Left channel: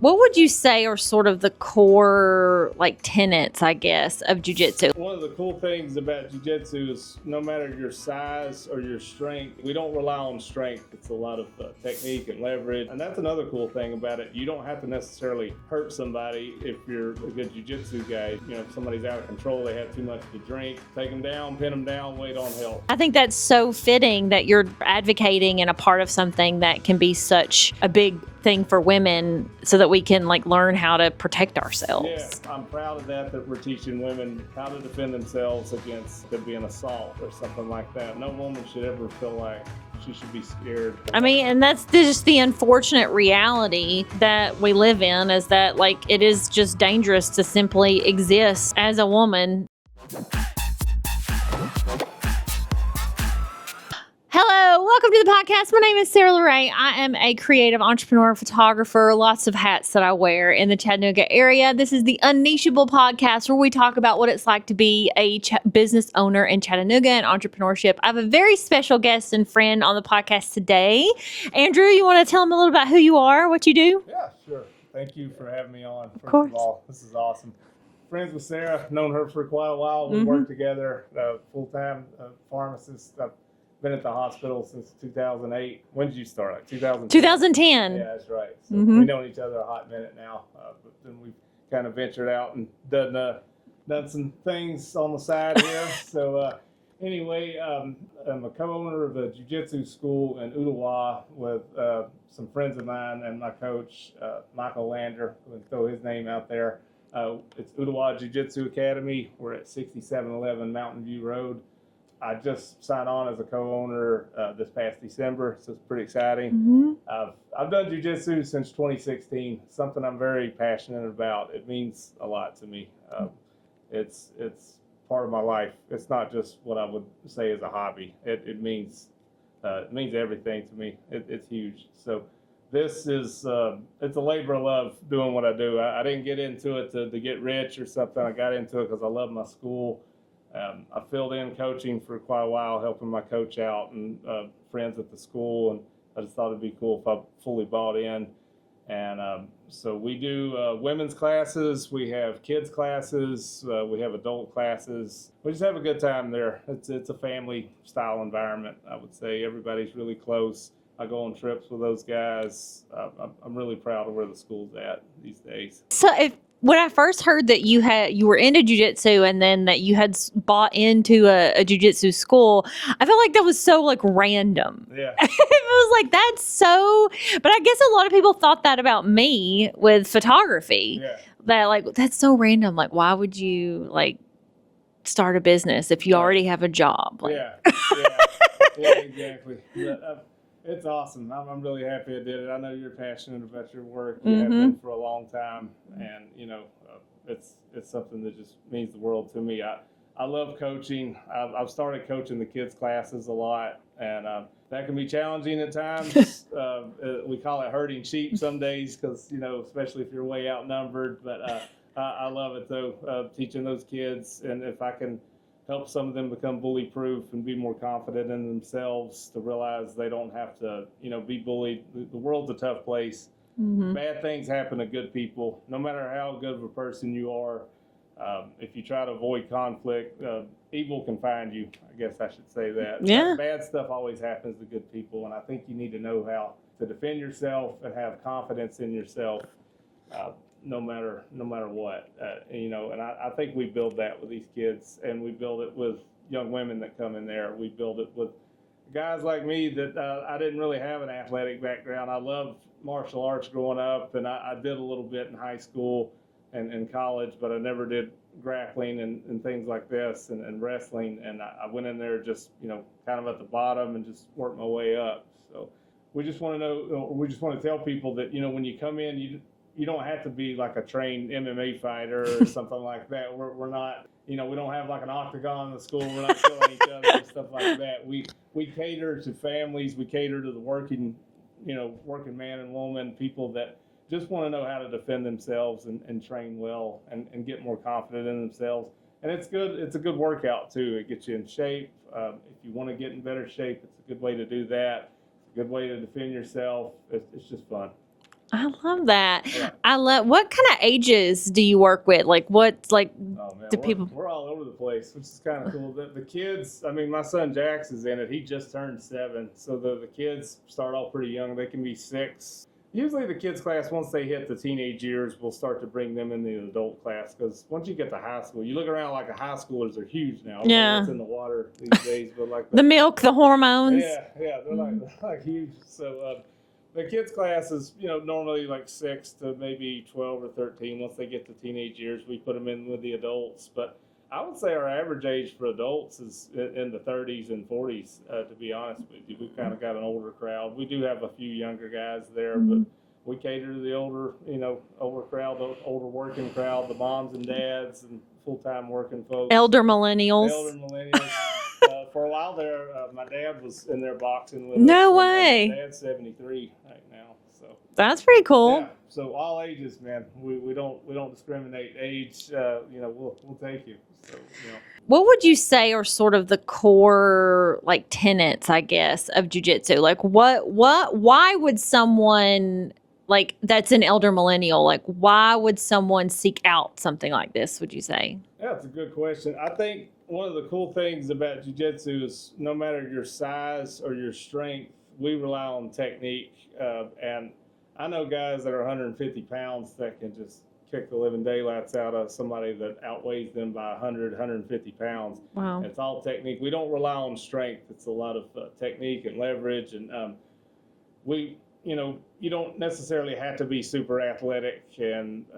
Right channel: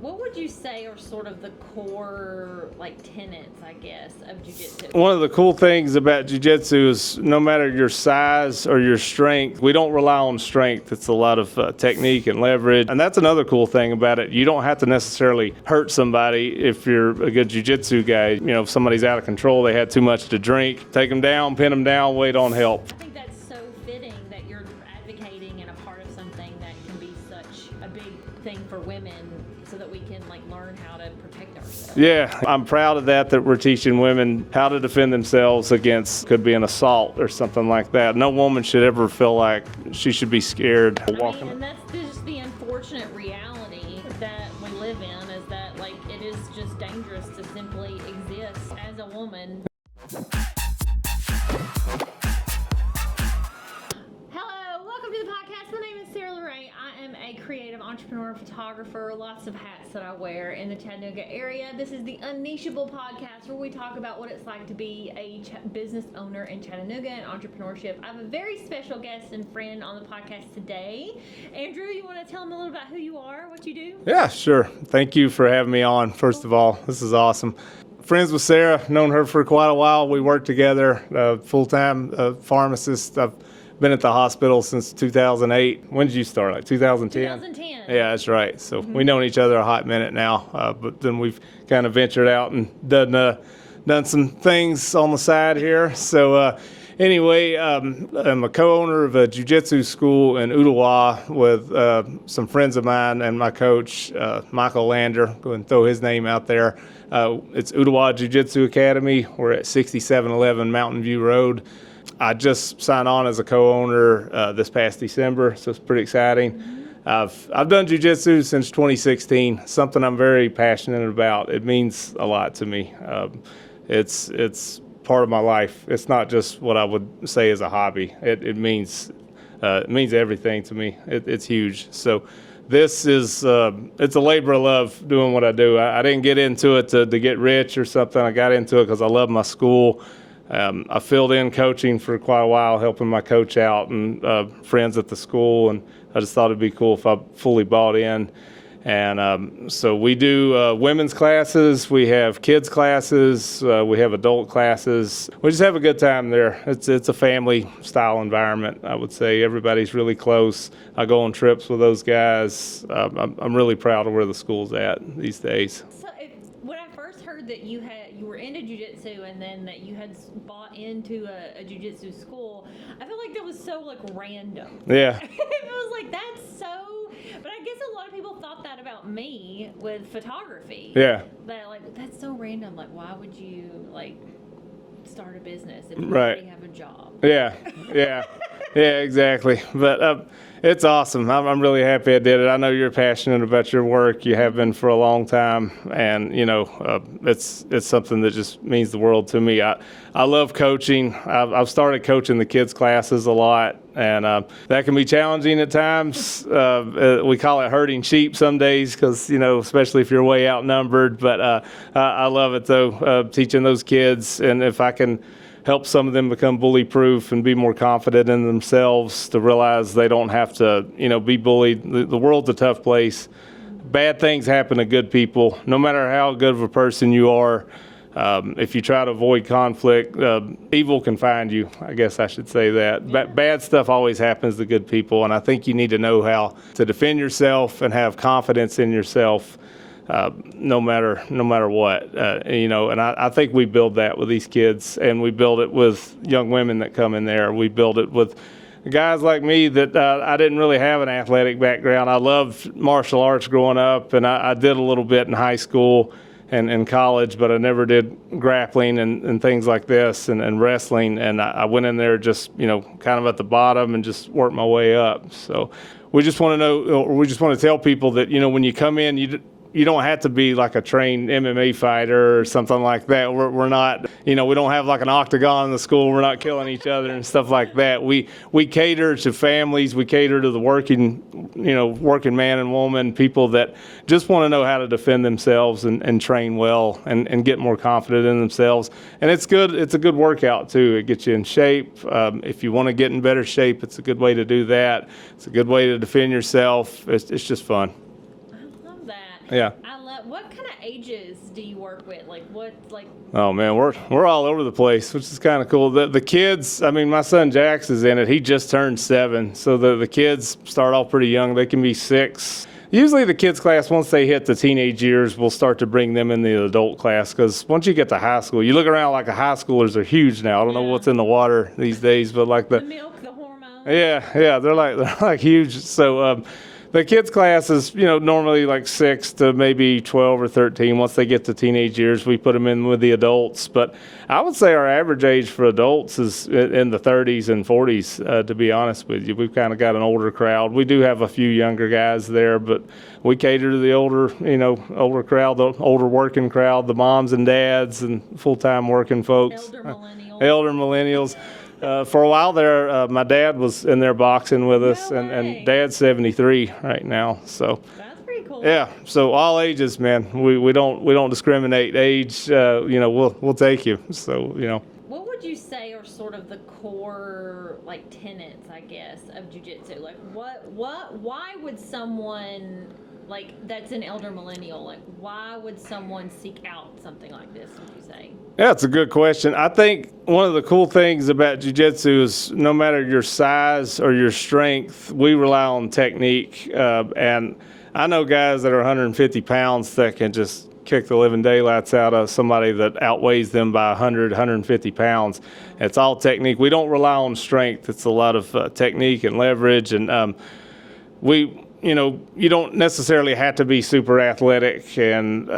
What would you say are sort of the core tenets, I guess, of jiu-jitsu? One of the cool things about jiu-jitsu is no matter your size or your strength, we don't rely on strength. It's a lot of technique and leverage. And that's another cool thing about it. You don't have to necessarily hurt somebody if you're a good jiu-jitsu guy. If somebody's out of control, they had too much to drink, take them down, pin them down, wait on help. I think that's so fitting that you're advocating and a part of something that can be such a big thing for women so that we can learn how to protect ourselves. Yeah, I'm proud of that we're teaching women how to defend themselves against could be an assault or something like that. No woman should ever feel like she should be scared. I mean, and that's just the unfortunate reality that we live in, is that it is just dangerous to simply exist as a woman. Hello, welcome to the podcast. My name is Sarah Lorraine. I am a creative entrepreneur, photographer, lots of hats that I wear in the Chattanooga area. This is the UnNicheable podcast, where we talk about what it's like to be a business owner in Chattanooga and entrepreneurship. I have a very special guest and friend on the podcast today. Andrew, you want to tell them a little about who you are, what you do? Yeah, sure. Thank you for having me on, first of all. This is awesome. Friends with Sarah, known her for quite a while. We work together, full-time pharmacist. I've been at the hospital since 2008. When did you start? 2010? 2010. Yeah, that's right. So we've known each other a hot minute now, but then we've kind of ventured out and done some things on the side here. So anyway, I'm a co-owner of a jiu-jitsu school in Ooltewah with some friends of mine and my coach, Michael Lander. Go ahead and throw his name out there. It's Ooltewah Jiu-Jitsu Academy. We're at 6711 Mountain View Road. I just signed on as a co-owner this past December, so it's pretty exciting. I've done jiu-jitsu since 2016, something I'm very passionate about. It means a lot to me. It's part of my life. It's not just what I would say is a hobby. It means everything to me. It's huge. So this is it's a labor of love doing what I do. I didn't get into it to get rich or something. I got into it because I love my school. I filled in coaching for quite a while, helping my coach out and friends at the school, and I just thought it'd be cool if I fully bought in. And so we do women's classes, we have kids classes, we have adult classes. We just have a good time there. It's a family style environment, I would say. Everybody's really close. I go on trips with those guys. I'm really proud of where the school's at these days. So when I first heard that you were into jiu-jitsu and then that you had bought into a jiu-jitsu school, I felt like that was so random. Yeah. It was that's so, but I guess a lot of people thought that about me with photography. Yeah. That that's so random. Why would you start a business if you already have a job? Yeah. Yeah, exactly. But it's awesome. I'm really happy I did it. I know you're passionate about your work. You have been for a long time, and it's something that just means the world to me. I love coaching. I've started coaching the kids' classes a lot, and that can be challenging at times. We call it herding sheep some days because, especially if you're way outnumbered. But I love it, though, teaching those kids. And if I can help some of them become bully-proof and be more confident in themselves, to realize they don't have to, be bullied. The world's a tough place. Bad things happen to good people. No matter how good of a person you are, if you try to avoid conflict, evil can find you. I guess I should say that. Yeah. Bad stuff always happens to good people, and I think you need to know how to defend yourself and have confidence in yourself. No matter what, and I think we build that with these kids, and we build it with young women that come in there. We build it with guys like me that I didn't really have an athletic background. I loved martial arts growing up, and I did a little bit in high school and in college, but I never did grappling and things like this and wrestling. And I went in there just, kind of at the bottom and just worked my way up. So we just want to know, or we just want to tell people that, when you come in, you don't have to be like a trained MMA fighter or something like that. We're not, we don't have like an octagon in the school. We're not killing each other and stuff like that. We cater to families. We cater to the working man and woman, people that just want to know how to defend themselves and train well and get more confident in themselves. And it's good. It's a good workout too. It gets you in shape. If you want to get in better shape, it's a good way to do that. It's a good way to defend yourself. It's just fun. I love that. Yeah. What kind of ages do you work with? Like what's like? Oh man, we're all over the place, which is kind of cool. The kids, I mean, my son Jax is in it. He just turned 7, so the kids start off pretty young. They can be 6. Usually the kids class, once they hit the teenage years, we'll start to bring them in the adult class, because once you get to high school, you look around like the high schoolers are huge now. I don't know what's in the water these days, but like the milk, the hormones. Yeah, they're like huge. So the kids class is, normally like 6 to maybe 12 or 13. Once they get to teenage years, we put them in with the adults. But I would say our average age for adults is in the 30s and 40s, to be honest with you. We've kind of got an older crowd. We do have a few younger guys there, but we cater to the older crowd, the older working crowd, the moms and dads and full-time working folks. Elder millennials. For a while there, my dad was in there boxing with us. No way. And Dad's 73 right now, so That's pretty cool. yeah. So all ages, man. We don't discriminate age. We'll take you. So What would you say are sort of the core like tenets, I guess, of jiu-jitsu? Like why would someone like that's an elder millennial, like why would someone seek out something like this, would you say? Yeah, it's a good question. I think one of the cool things about jiu-jitsu is no matter your size or your strength, we rely on technique. And I know guys that are 150 pounds that can just kick the living daylights out of somebody that outweighs them by 100, 150 pounds. Wow. It's all technique. We don't rely on strength. It's a lot of technique and leverage. And you don't necessarily have to be super athletic and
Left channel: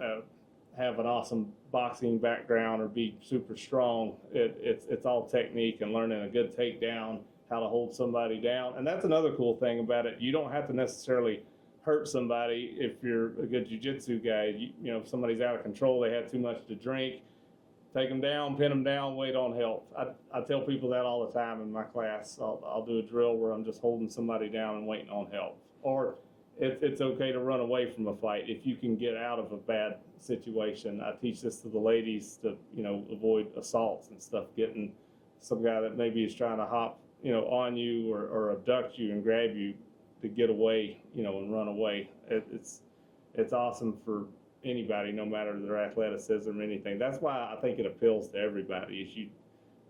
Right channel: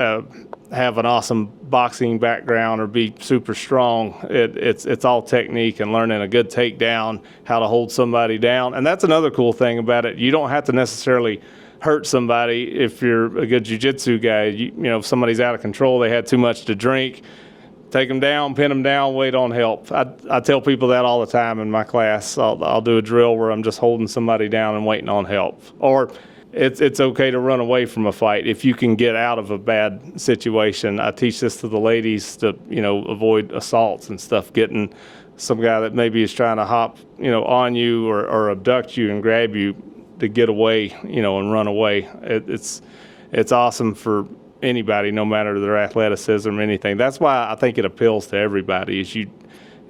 have an awesome boxing background or be super strong. It's all technique and learning a good takedown, how to hold somebody down. And that's another cool thing about it. You don't have to necessarily hurt somebody if you're a good jiu-jitsu guy. If somebody's out of control, they had too much to drink, take them down, pin them down, wait on help. I tell people that all the time in my class. I'll do a drill where I'm just holding somebody down and waiting on help. Or it's okay to run away from a fight if you can get out of a bad situation. I teach this to the ladies to, avoid assaults and stuff, getting some guy that maybe is trying to hop, on you or abduct you and grab you to get away, and run away. It's awesome for anybody, no matter their athleticism or anything. That's why I think it appeals to everybody.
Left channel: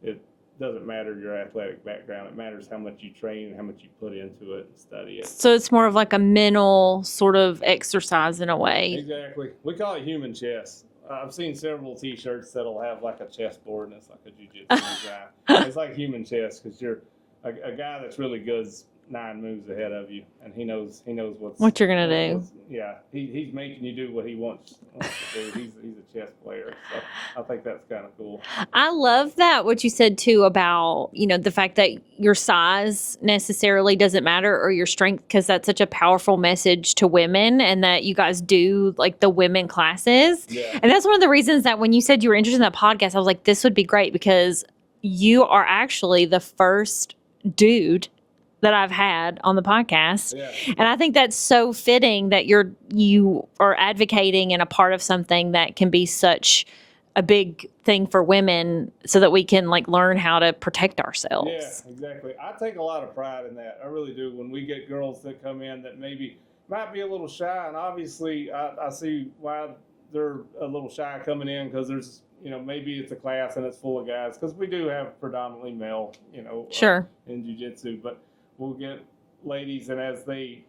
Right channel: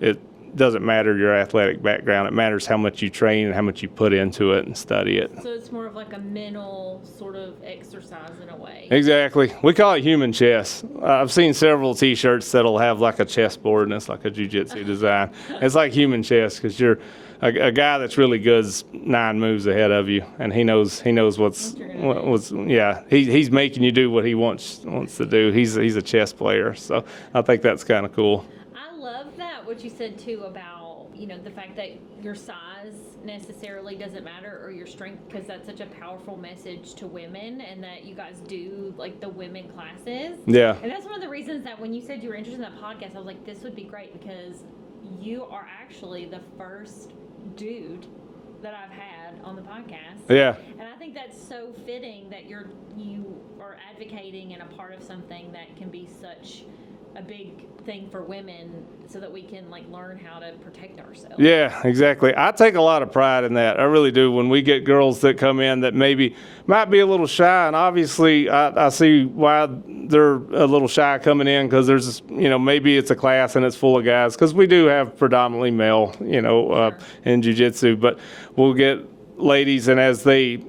It doesn't matter your athletic background. It matters how much you train and how much you put into it and study it. So it's more of like a mental sort of exercise in a way. Exactly. We call it human chess. I've seen several T-shirts that'll have like a chessboard and it's like a jiu-jitsu design. It's like human chess because you're a guy that's really good is 9 moves ahead of you, and he knows what you're gonna do. Yeah, he's making you do what he wants to do. He's a chess player, so I think that's kind of cool. I love that what you said too about the fact that your size necessarily doesn't matter or your strength, because that's such a powerful message to women, and that you guys do like the women classes. Yeah, and that's one of the reasons that when you said you were interested in that podcast, I was like, this would be great because you are actually the first dude that I've had on the podcast. Yeah. And I think that's so fitting that you are advocating and a part of something that can be such a big thing for women so that we can like learn how to protect ourselves. Yeah, exactly. I take a lot of pride in that. I really do. When we get girls that come in that maybe might be a little shy, and obviously I see why they're a little shy coming in, because there's, maybe it's a class and it's full of guys, because we do have predominantly male, Sure. In jiu-jitsu, but we'll get ladies, and as they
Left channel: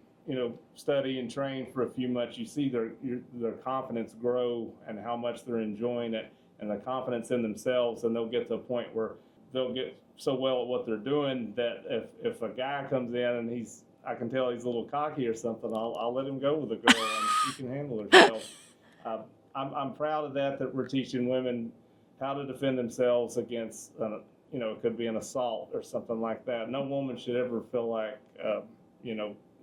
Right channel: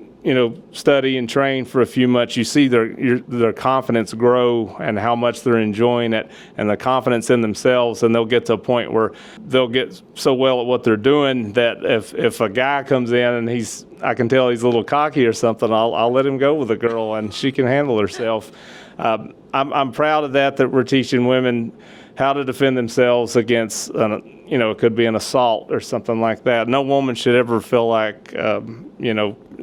study and train for a few months, you see their confidence grow and how much they're enjoying it and the confidence in themselves, and they'll get to a point where they'll get so well at what they're doing that if a guy comes in and I can tell he's a little cocky or something, I'll let him go with a girl and she can handle herself. I'm proud of that we're teaching women how to defend themselves against it could be an assault or something like that. No woman should ever feel like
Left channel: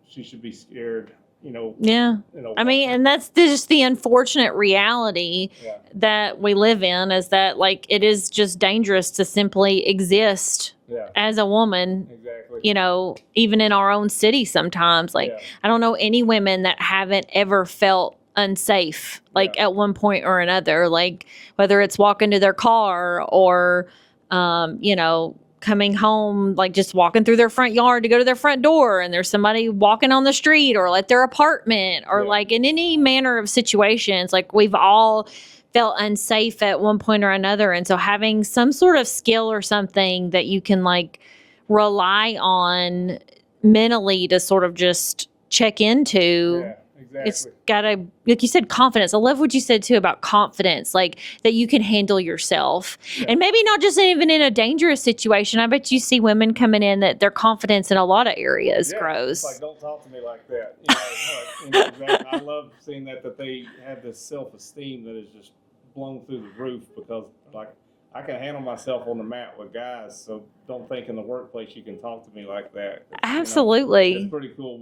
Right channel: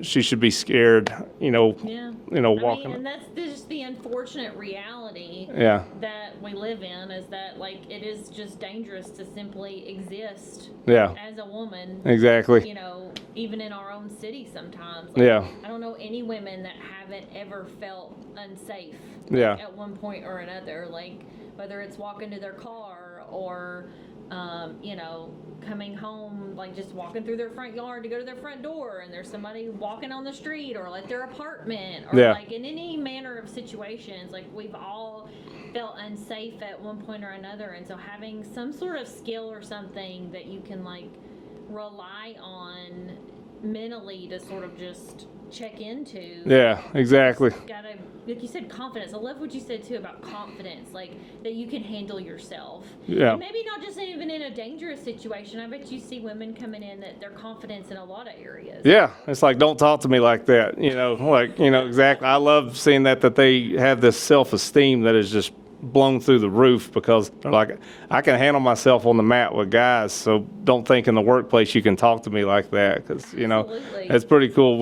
she should be scared, Yeah. I mean, and that's just the unfortunate reality that we live in, is that like it is just dangerous to simply exist as a woman. Exactly. Even in our own city sometimes. Like I don't know any women that haven't ever felt unsafe at one point or another, like whether it's walking to their car or coming home, like just walking through their front yard to go to their front door, and there's somebody walking on the street or like their apartment, or like in any manner of situations, like we've all felt unsafe at one point or another. And so having some sort of skill or something that you can like rely on mentally to sort of just check into. Yeah, exactly. It's gotta, like you said, confidence. I love what you said too about confidence, like that you can handle yourself. And maybe not just even in a dangerous situation. I bet you see women coming in that their confidence in a lot of areas grows. It's like, don't talk to me like that. Exactly. I love seeing that they have this self-esteem that is just blown through the roof, because they're like, I can handle myself on the mat with guys, so don't think in the workplace you can talk to me like that. Absolutely. It's pretty cool.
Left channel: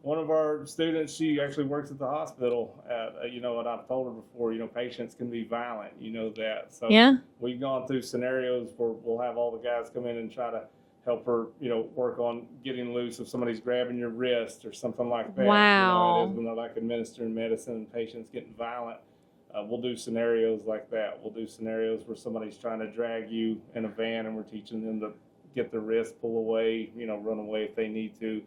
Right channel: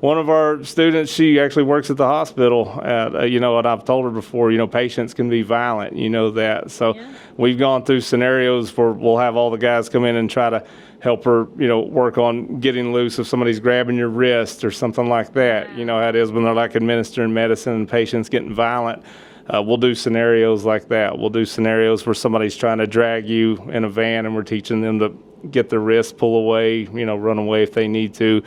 One of our students, she actually works at the hospital, and I've told her before, patients can be violent, that. So we've gone through scenarios where we'll have all the guys come in and try to help her, work on getting loose if somebody's grabbing your wrist or something like that. Wow. You know how it is when they're like administering medicine and patients getting violent. We'll do scenarios like that. We'll do scenarios where somebody's trying to drag you in a van, and we're teaching them to get their wrist, pull away, run away if they need to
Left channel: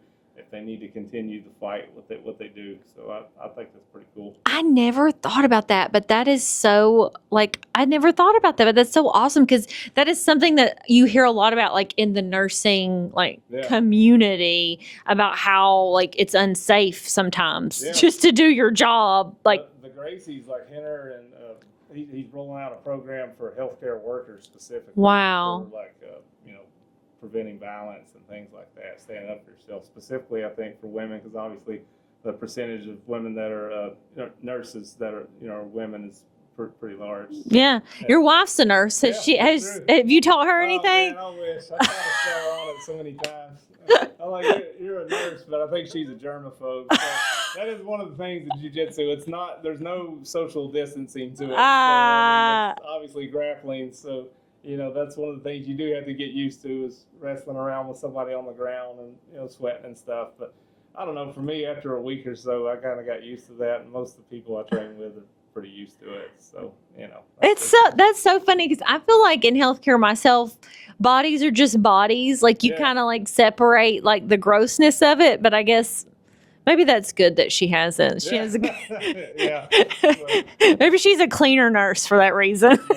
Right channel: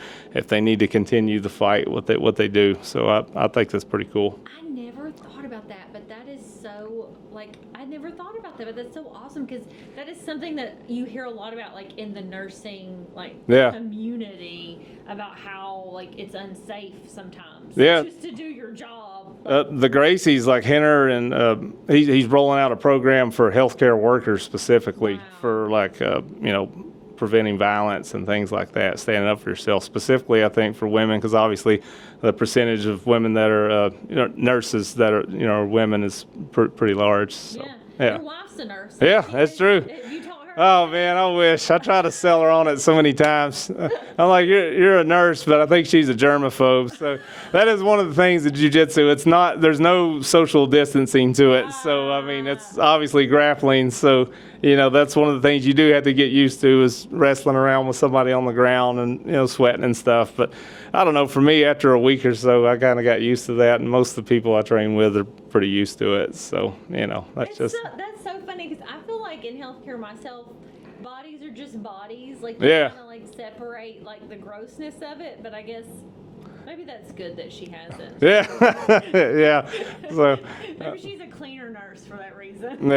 continue the fight, what they do. So I think that's pretty cool. I never thought about that, but that is so, I never thought about that, but that's so awesome, because that is something that you hear a lot about, like in the nursing, community, about how it's unsafe sometimes just to do your job. The Gracie's like Henner, and he's rolling out a program for healthcare workers specifically for preventing violence and things like that, standing up for yourself. Specifically, I think for women, because obviously the percentage of women that are nurses that are women is pretty large. So, your wife's a nurse. That's true. Have you taught her anything? Oh man, I wish. I try to sell her on it so many times. I'm like, you're a nurse, but I think she's a germaphobe. So that is one of the things in jiu-jitsu. It's not. There's no social distancing to it. So I mean, it's obviously grappling. So that's one of the things you do have to get used to, is wrestling around with somebody on the ground and sweating and stuff. But I don't know, for me, after a week or so, I kind of got used to that, and most of the people I train with are pretty used to it. So that's so funny, because I feel like in healthcare myself, bodies are just bodies. Like you kind of separate the grossness of it. But I guess maybe that's good that she hasn't. So, maybe she's a cleaner nurse for that reason.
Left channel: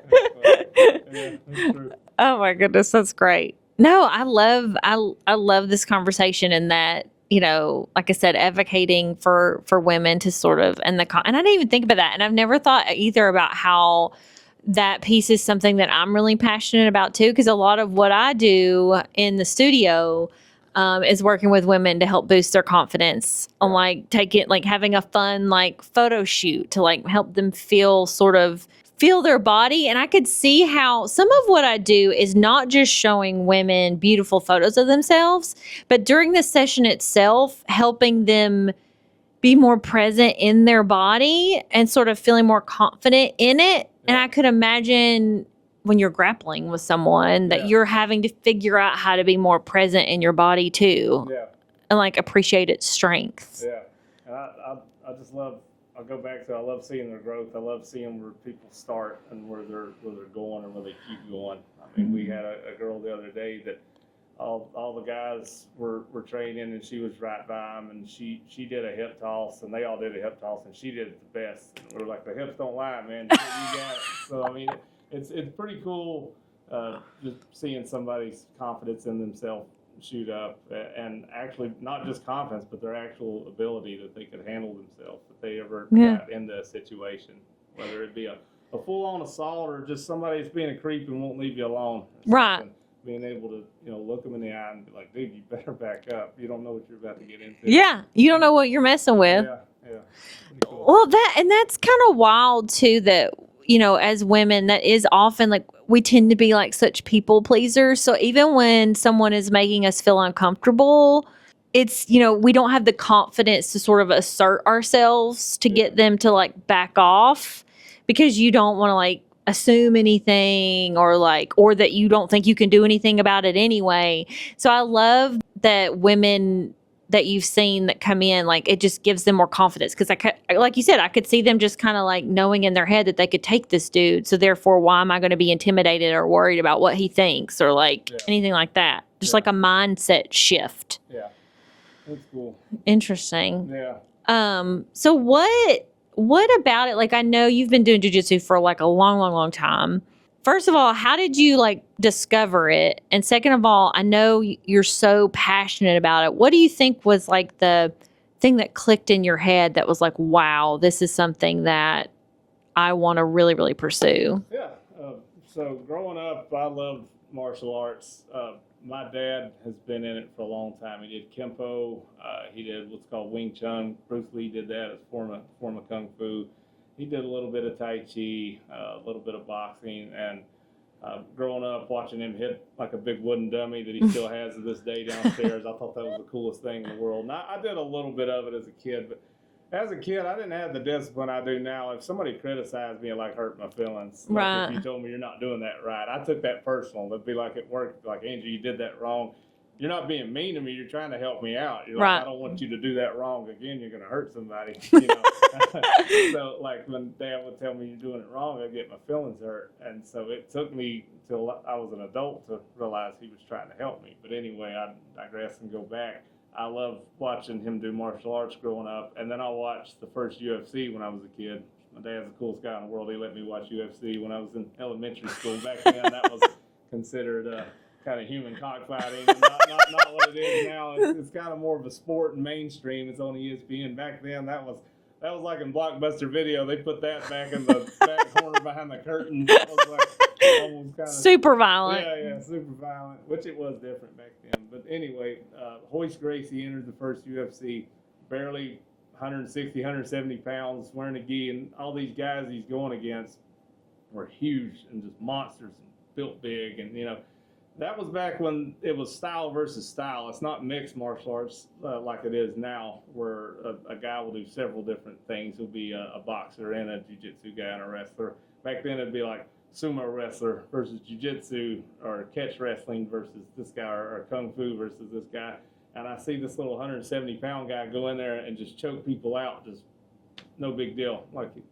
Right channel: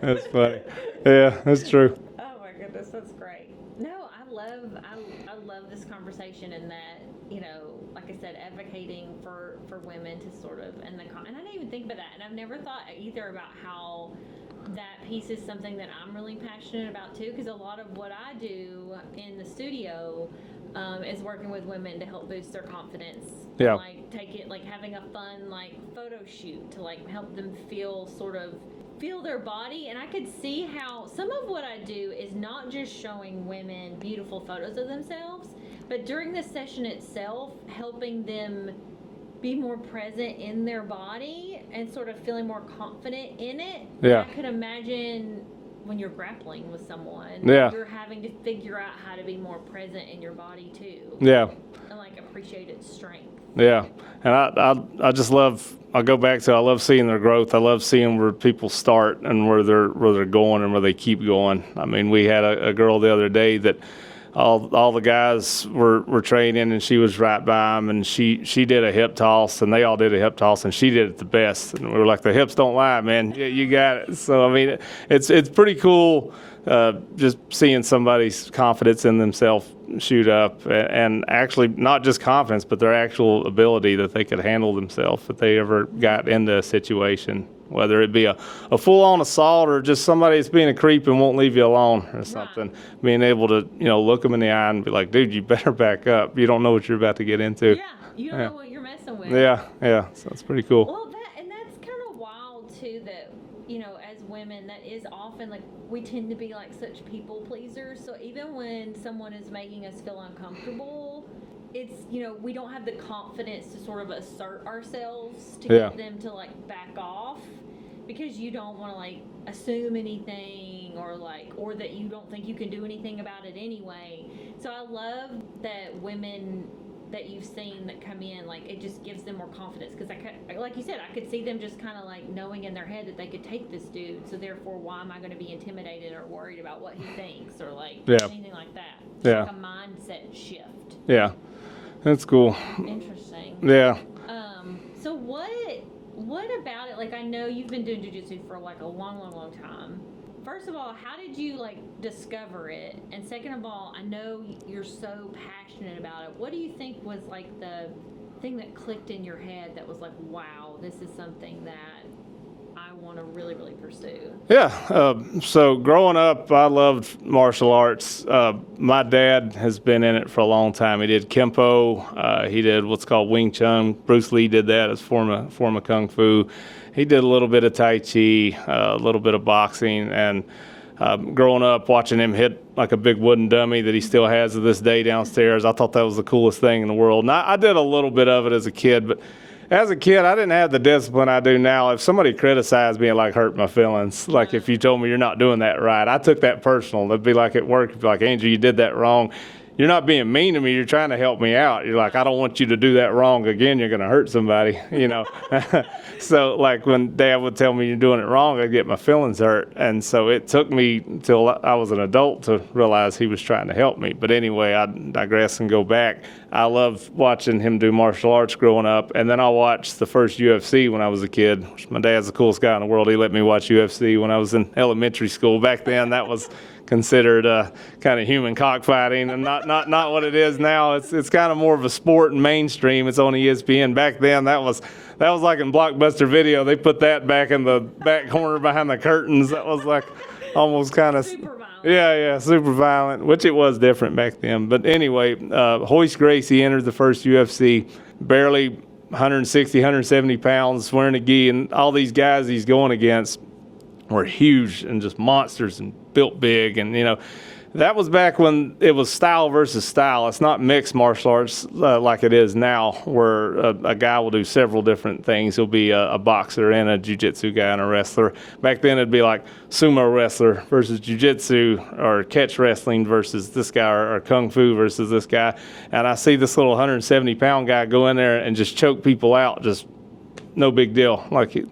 That's funny. Yeah, that's true. Oh my goodness, that's great. No, I love this conversation, and that, like I said, advocating for women to sort of, and I didn't even think about that. And I've never thought either about how that piece is something that I'm really passionate about too, because a lot of what I do in the studio is working with women to help boost their confidence on having a fun photo shoot to help them feel their body. And I could see how some of what I do is not just showing women beautiful photos of themselves, but during the session itself, helping them be more present in their body and sort of feeling more confident in it. And I could imagine when you're grappling with someone that you're having to figure out how to be more present in your body too. Yeah. And appreciate its strength. Yeah. And I just love, I love seeing their growth. I love seeing where people start and where they're going and where they keep going. I mean, we had a girl the other day that all the guys were training, and she was right by them, and she did a hip toss, and they all did a hip toss, and she did it the best. And we were like, the hips don't lie, man. You got it. So I mean, it's pretty cool just seeing somebody's confidence in themselves shoot up, and actually not just confidence, but their actual ability that they could handle themselves if they ever got into a situation, whether it be a full-on assault or just somebody that's being a creep and won't leave you alone or something. Right. Being able to, look them in the eye and be like, dude, you better back up. You don't know what you're about to get into. Yeah, you don't know what you're messing with. Yeah, so it's pretty cool. Well, that's kind of wild too, that, as women, that is often we tend to be such people pleasers. So even when someone is making us feel uncomfortable, it's, we don't have the confidence to sort of assert ourselves to get them to back off, because you don't want to assume anything or that you don't think you can do anything about it anyway. So I love that women that you've seen that come in, like it just gives them more confidence? Because like you said, I could see them just kind of like knowing in their head that they could take this dude. So therefore, why am I going to be intimidated or worried about what he thinks or like anything like that? Just like a mindset shift. Yeah, that's cool. Interesting. Yeah. So what about it? Like, I know you've been doing jiu-jitsu for like a long, long, long time. First of all, how did you like discover it? And second of all, I know you're so passionate about it. What do you think was like the thing that clicked in your head that was like, wow, this is something that I want to really, really pursue? Yeah. So growing up, I loved martial arts. My dad has been in it for a long time. He did Kempo. He did what's called Wing Chun. Bruce Lee did that as form of Kung Fu. He did a little bit of Tai Chi, a little bit of boxing, and growing up watching him hit like a big wooden dummy that he still has to this day downstairs, I thought that was the coolest thing in the world. And I did a little bit of it as a kid, but as a kid, I didn't have the discipline I do now. If somebody criticized me, it like hurt my feelings. Like if you told me you're not doing that right, I took that personal. It'd be like at work, it'd be like, Angel, you did that wrong. You're not being mean to me. You're trying to help me out. You're like, I don't want you to do that wrong again. You're going to hurt somebody, you know. So like when Dad would tell me you're doing it wrong, I'd get my feelings hurt. And so it took me till I was an adult to realize he was trying to help me. But anyway, I digress and go back. I loved watching him do martial arts growing up. And then I watched the first UFC when I was a kid. My dad's the coolest guy in the world. He let me watch UFC when I was in elementary school. Back then, that was considered kind of human cockfighting, and not what it is now. It's kind of more of a sport and mainstream. It's on ESPN. Back then, that was like in Blockbuster Video. They put that back in the back corner behind the curtains. That was like almost kind of super violent. Yeah, super violent, which it was different back then. But anyway, Hoist Gracie entered the first UFC, barely 160, 170 pounds, wearing a gi, and all these guys he's going against were huge and just monsters and built big. And, you know, that was back when it was style versus style. It's not mixed martial arts like it is now, where a guy will do several different things. He'll be a boxer and a jiu-jitsu guy and a wrestler. Back then it'd be like sumo wrestler versus jiu-jitsu, or catch wrestling versus this guy, or kung fu versus this guy. And I see this little 170-pound guy go in there and just choke people out, just no big deal. Like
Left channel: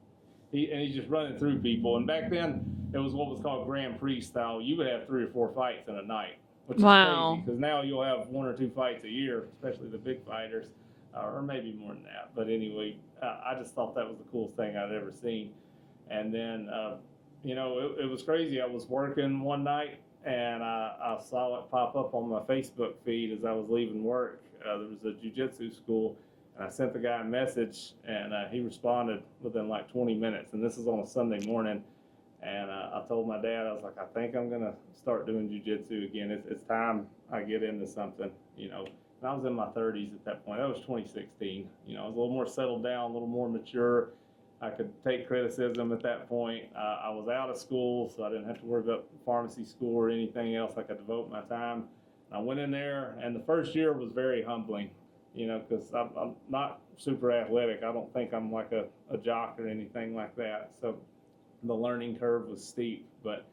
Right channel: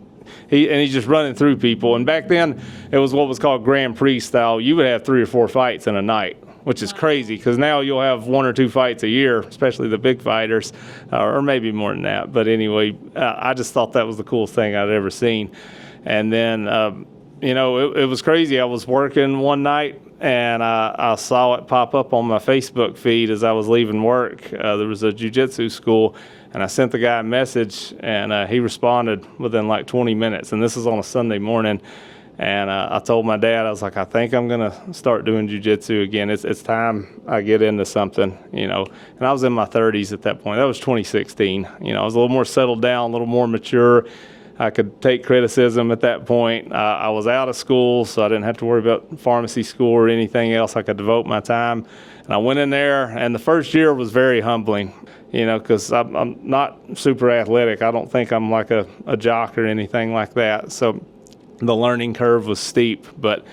he's just running through people. And back then, it was what was called Grand Prix style. You would have 3 or 4 fights in a night, which is crazy, because now you'll have 1 or 2 fights a year, especially the big fighters, or maybe more than that. But anyway, I just thought that was the coolest thing I'd ever seen. And then, you know, it was crazy. I was working one night, and I saw it pop up on my Facebook feed as I was leaving work. There was a jiu-jitsu school, and I sent the guy a message, and he responded within like 20 minutes. And this is on a Sunday morning. And I told my dad, I was like, I think I'm going to start doing jiu-jitsu again. It's time I get into something, you know. And I was in my 30s at that point. That was 2016. You know, I was a little more settled down, a little more mature. I could take criticism at that point. I was out of school, so I didn't have to worry about pharmacy school or anything else. I could devote my time. And I went in there, and the first year was very humbling. You know, because I'm not super athletic. I don't think I'm like a jock or anything like that. So the learning curve was steep. But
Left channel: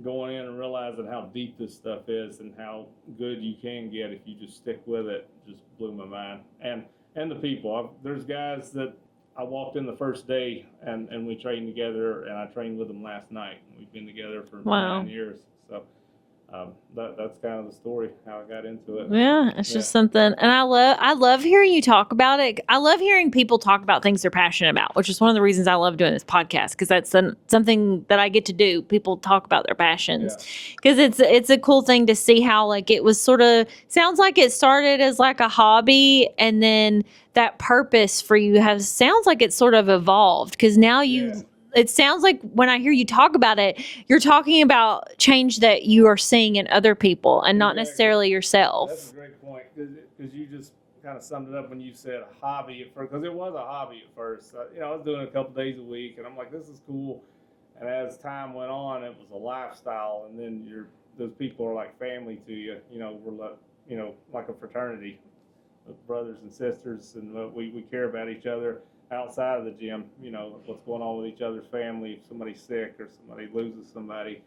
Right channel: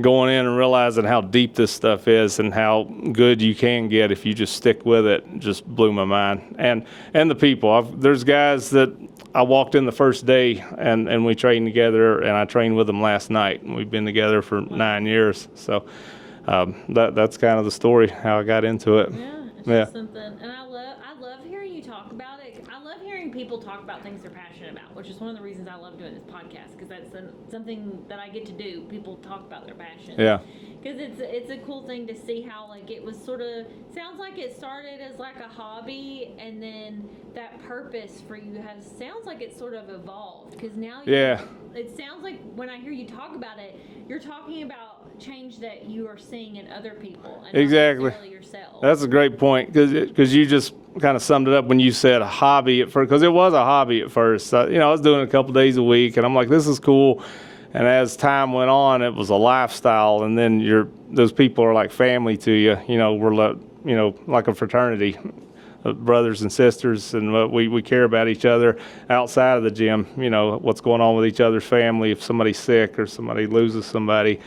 going in and realizing how deep this stuff is and how good you can get if you just stick with it just blew my mind. And the people. There's guys that I walked in the first day and we trained together, and I trained with them last night. And we've been together for 9 years. So that's kind of the story, how I got into it. Yeah, it's just something. And I love hearing you talk about it. I love hearing people talk about things they're passionate about, which is one of the reasons I love doing this podcast, because that's something that I get to do. People talk about their passions. Yeah. Because it's a cool thing to see how, like, it was sort of, sounds like it started as like a hobby, and then that purpose for you sounds like it's sort of evolved, because now it sounds like when I hear you talk about it, you're talking about change that you are seeing in other people and not necessarily yourself. That's a great point, because you just kind of summed it up when you said a hobby at first, because it was a hobby at first. You know, I was doing it a couple days a week, and I'm like, this is cool. And as time went on, it was a lifestyle, and then those people are like family to you. You know, we're like a fraternity. Brothers and sisters, and we care about each other outside of the gym. You know, what's going on with each other's family, if somebody's sick or somebody loses somebody.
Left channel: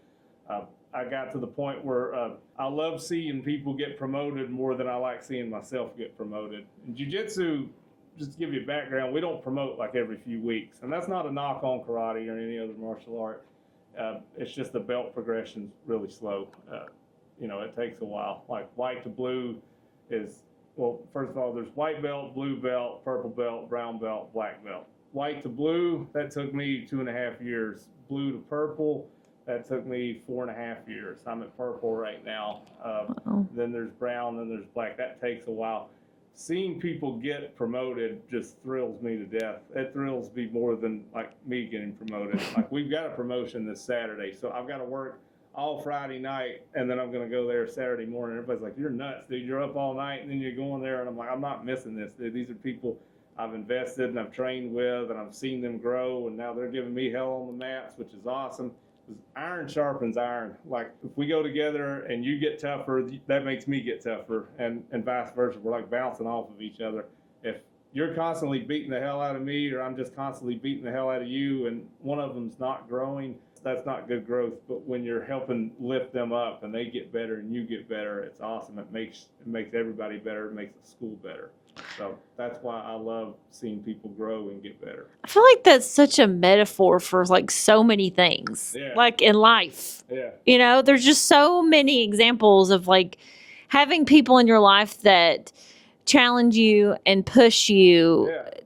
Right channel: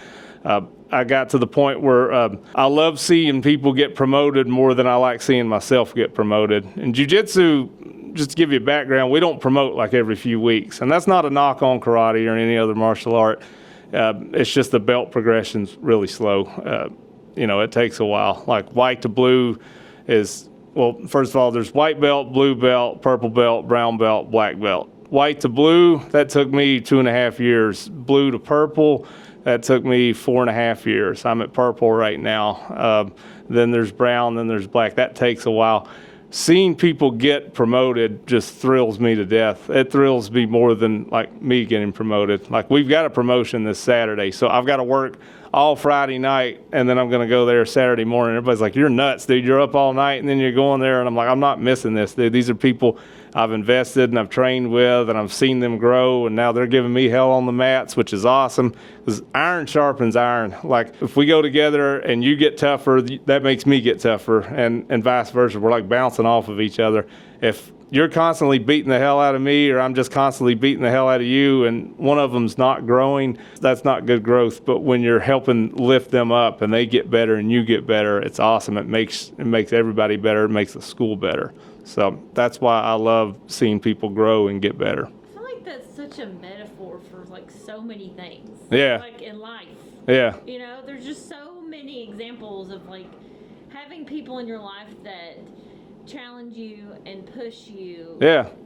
I got to the point where I love seeing people get promoted more than I like seeing myself get promoted. In jiu-jitsu, just to give you a background, we don't promote like every few weeks. And that's not a knock on karate or any other martial art. It's just the belt progression's really slow. It takes a while. Like white to blue is, well, first of all, there's white belt, blue belt, purple belt, brown belt, black belt. White to blue, that took me 2.5 years. Blue to purple, that took me 4.5 years. I'm at purple right now. Then there's brown, then there's black. That takes a while. Seeing people get promoted just thrills me to death. It thrills me more than like me getting promoted. Like we've got a promotion this Saturday, so I've got to work all Friday night, and then I'm going to go there Saturday morning. Everybody's like, you're nuts, dude. You're up all night, and then you're going there. And I'm like, I'm not missing this, dude. These are people I've invested and I've trained with, and I've seen them grow, and now they're giving me hell on the mats, which is awesome, because iron sharpens iron. Like, if we go together and you get tougher, that makes me get tougher, and vice versa. We're like bouncing off of each other. If you're constantly beating the hell out of me, or I'm just constantly beating the hell out of you, and one of them's not growing, that's not good growth. But when you're helping lift them up and they get better and you get better, it's awesome. It makes everybody better. It makes the school better. So that's why I love seeing people grow and get better. I feel like that's such a metaphor for like so many things. Yeah. Like in life. Yeah. There's just so many examples of like having people in your life that challenge you and push you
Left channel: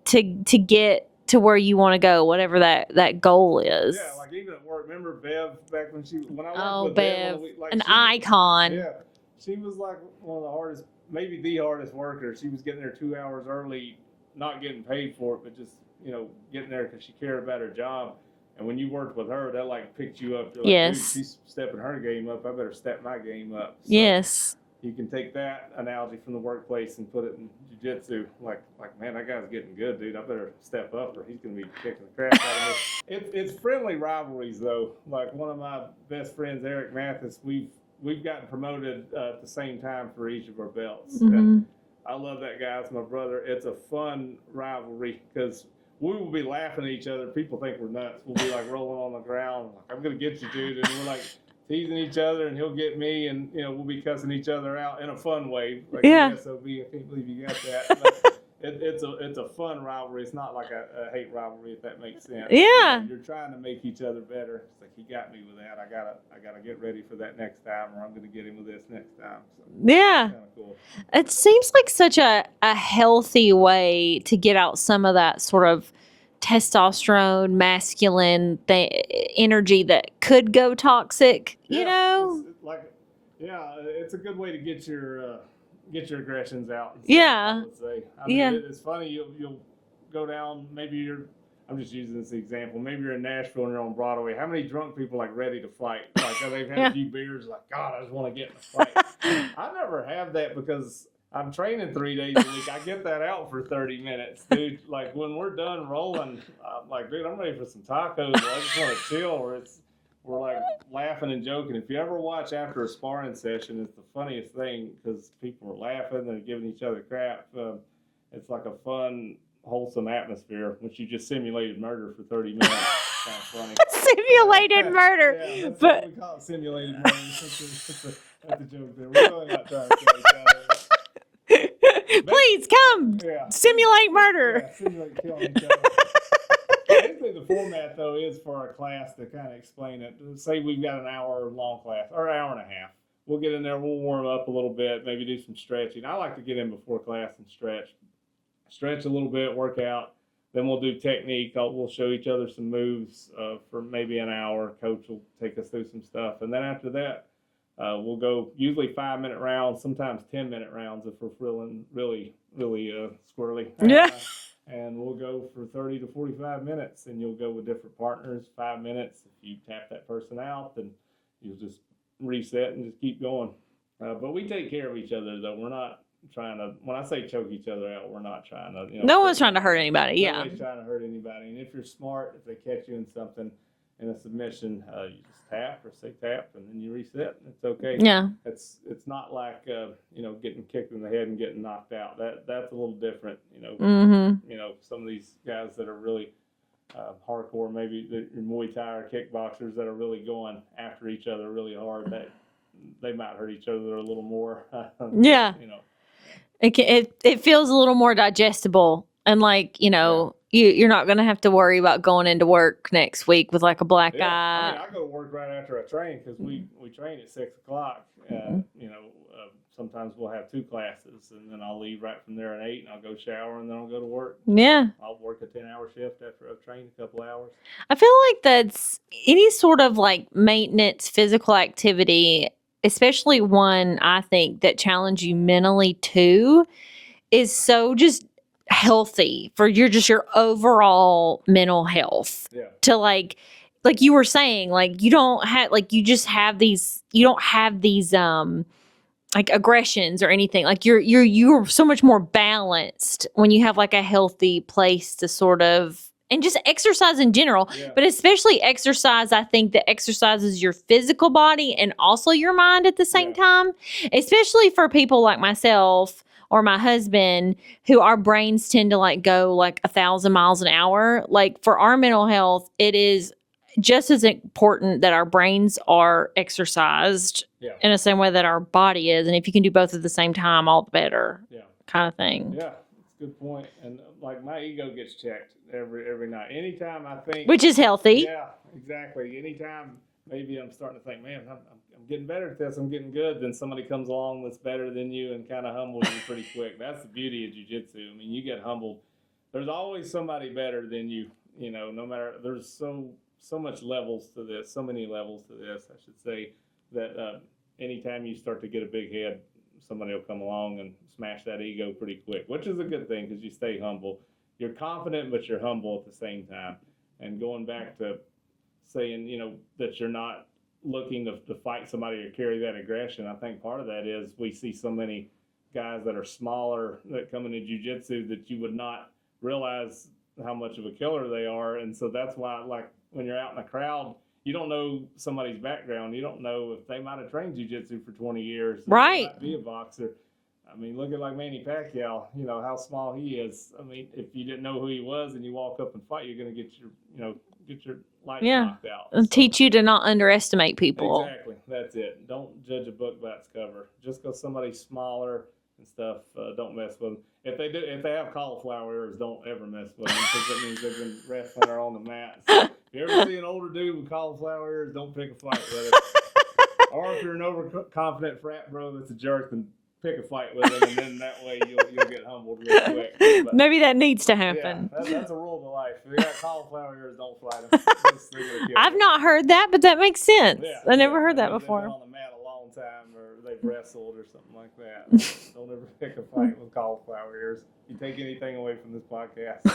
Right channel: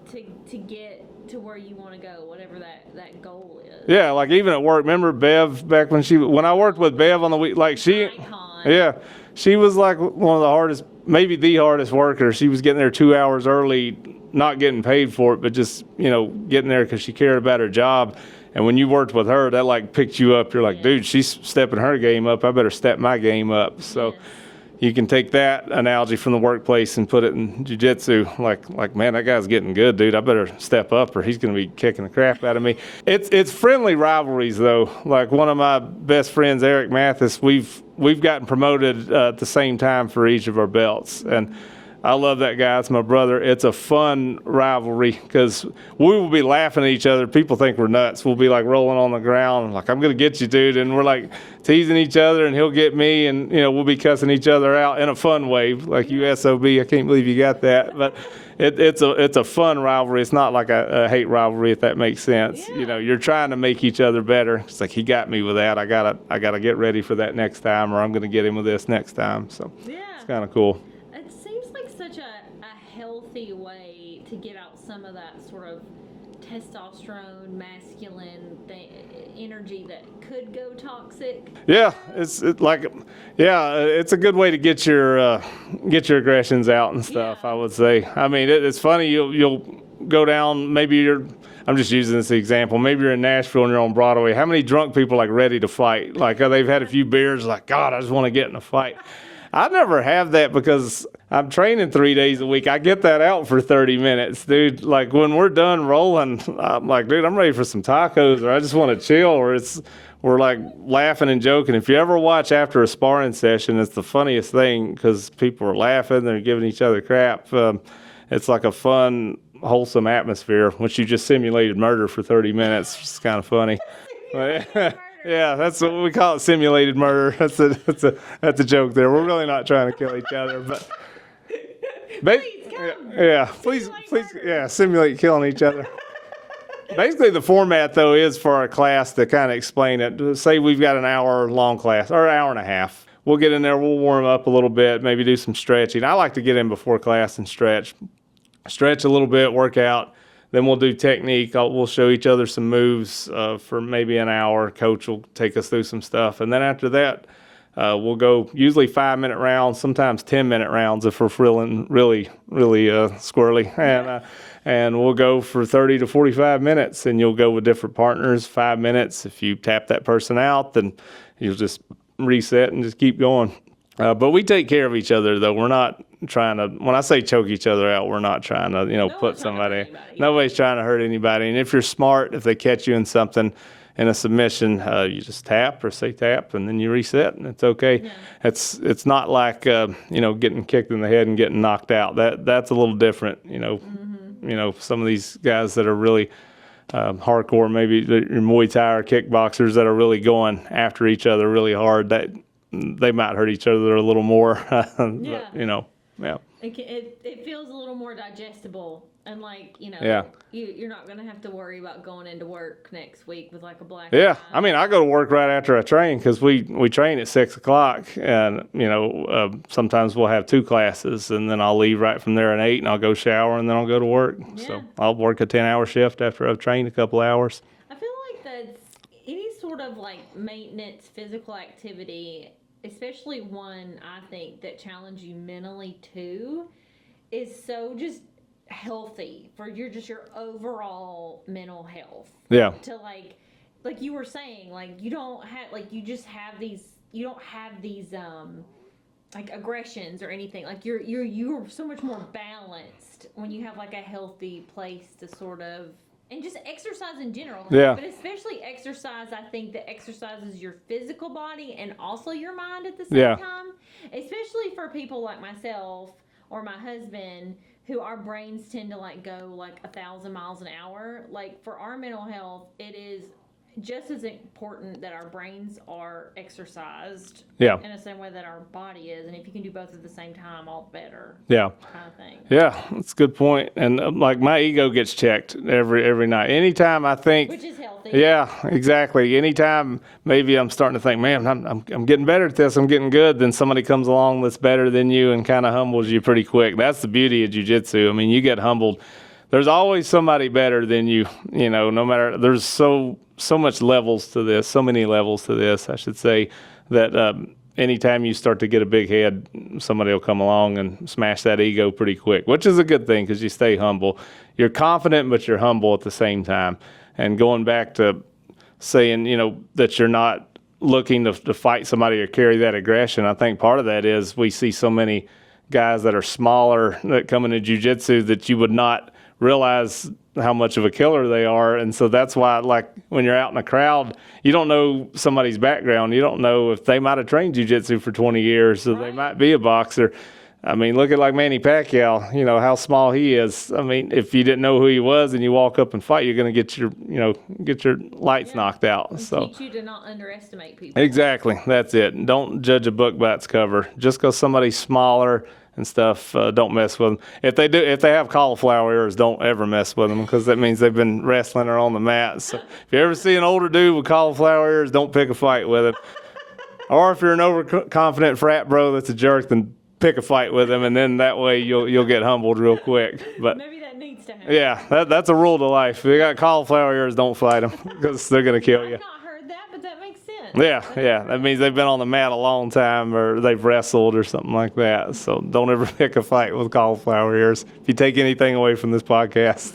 to get to where you want to go, whatever that goal is. Yeah, like even at work, remember Bev back when I worked with Bev on the week, like an icon. Yeah. She was like one of the hardest, maybe the hardest worker. She was getting there 2 hours early, not getting paid for it, but just, getting there because she cared about her job. And when you worked with her, that like picked you up. You're like, dude, she's stepping her game up. I better step my game up. So yes. You can take that analogy from the workplace and put it in jiu-jitsu. Like, man, that guy's getting good, dude. I better step up or he's going to be kicking the crap out of me. It's friendly rivalries, though. Like one of my best friends, Eric Mathis, we've gotten promoted at the same time for each of our belts. Mm-hmm. And I love that guy. It's my brother. It's a fun rivalry because we will be laughing at each other. People think we're nuts. We'll be like rolling on the ground, like, I'm going to get you, dude. And we're like teasing each other, and he'll get me, and we'll be cussing each other out in a fun way, like you SOB. I can't believe you got that. But it's a fun rivalry. It's not like a hate rivalry, if that makes sense. Yeah. You're trying to make each other better. It's like, he got me with that. I gotta get ready for that next time, or I'm gonna get him with this next time. So it's kind of cool. It seems like such a healthy way to get out some of that sort of testosterone, masculine energy that could go toxic. Yeah, it's a good way to get your aggressions out and stuff. Yeah. I would say. I mean, it's funny. You'll go down. Maybe I'm just using this example. Maybe you're in Nashville and you're on Broadway. How many drunk people like ready to fight? Like they've had a few beers. Like, God, I just want to get in a fight. I never have that because I'm training 3 days a week. I get that out for 30 minutes, dude. Like when we're done rolling, I'm like, dude, I'm ready for some tacos, or I just want to chill, or we're like laughing and joking. If you ever watch after a sparring session, it's the funniest thing because people are laughing, they're giving each other crap. It's like a fun, wholesome atmosphere, which you just simulated murder for 30 minutes. It's kind of funny. Simulated murder. Yeah, that's what we call it, simulated murder. That's a joke there. We're really not trying to kill each other, but please come. Yeah, simulate murder. Yeah, simulate killing each other. Basically, the format, though, is for our class to kind of explain it. Say we've got an hour-long class, or an hour and a half. We'll get in there, we'll warm up a little bit, maybe do some stretching. I like to get in before class and stretch a little bit, work out. Then we'll do technique. We'll show each other some moves for maybe an hour. Coach will take us through some stuff. And then after that, we'll go usually 5-minute rounds, sometimes 10-minute rounds if we're feeling really, really squirrely. And, and we'll go for 30 to 45 minutes, and you'll go with different partners, 5 minutes. If you tap that person out, then you'll just reset and just keep going. But we take care of each other, though. We're not trying to, when I say choke each other out, we're not trying to, no one's trying to hurt anybody. Nobody's trying to hurt anybody. And if you're smart, if they catch you in something, in a submission, you just tap or say tap, and then you reset, and it's okay. Yeah. It's not like getting kicked in the head and getting knocked out. That's a little different. Some of these guys that are really hardcore, maybe your Muay Thai or kickboxers that are really going after each other really hard, that they might hurt each other a little more. Yeah. But, yeah. It feels a little more digestible, and like, you're not going to have to worry about going into work next week with like a black Yeah, eye. I mean, I go to work right after I train because we train at 6 o'clock, and sometimes we'll have 2 classes, and then I'll leave right from there at 8, and I'll go shower, and then I'll go to work. Yeah. So I'll work a 10-hour shift after I've trained a couple hours. I feel like that's any sort of like maintenance physical activity, especially one I think that challenge you mentally too, is so just healthy for your overall mental health. Yeah. To like you were saying, like you don't have these like aggressions or anything. Like you're so much more balanced when you have like a healthy place to sort of, and just exercise in general. Yeah. But especially exercise, I think that exercises your physical body and also your mind at the same time, especially for people like myself or my husband, who our brains tend to like go like 1,000 miles an hour. Like for our mental health, it is just as important that our brains are exercised in the same way that our body is. And if you can do both at the same time, all the better. Yeah. Kind of thing. Yeah, that's a good point. And like my ego gets checked every night. Anytime I think, which is healthy. Yeah, exactly. Anytime maybe I'm starting to think, man, I'm getting better at this, I'm getting good, then somebody comes along that's better than you and kind of humbles you pretty quick. That's the beauty of jiu-jitsu. I mean, you get humbled. There's always somebody better than you, no matter, there's so much levels to this, so many levels to this, I should say, that anytime you start to get a big head, somebody will come along and smash that ego pretty quick, which is a good thing because you stay humble. You're confident, but you're humble at the same time. And going back to saying, that you're not looking to fight somebody or carry that aggression, I think part of that is we see so many guys that are smaller that come into jiu-jitsu that you would not realize how much of a killer they are. And so that's why, like, when you're out in a crowd, you don't know somebody's background. You don't know if they might have trained jiu-jitsu for 20 years. Or they might be a boxer. I mean, look at like Manny Pacquiao, how small he is. I mean, if you didn't know who he was and you walk up and fight, you're going to get your lights knocked out. And teach you to not underestimate people. Exactly. That's it. Don't judge a book by its cover. Just because somebody's smaller and stuff, don't mess with them. If they have cauliflower ears, don't ever mess with them, because that means they've been wrestling or on the mat. So if you ever see an older dude with cauliflower ears, don't pick a fight with him. Or if you're an overconfident frat bro that's a jerk, then pick a fight with him, and then that way you'll get humbled real quick. But maybe that needs to happen. Yeah, that's a rule to life. If you got cauliflower ears, don't fight them, because they're going to kill you. I've not heard that, but that makes sense. Yeah, I never heard that. That means before. they've been on the mat a long time, or they've wrestled or something like that. So don't ever pick a fight with cauliflower ears. If you take anything away from this podcast.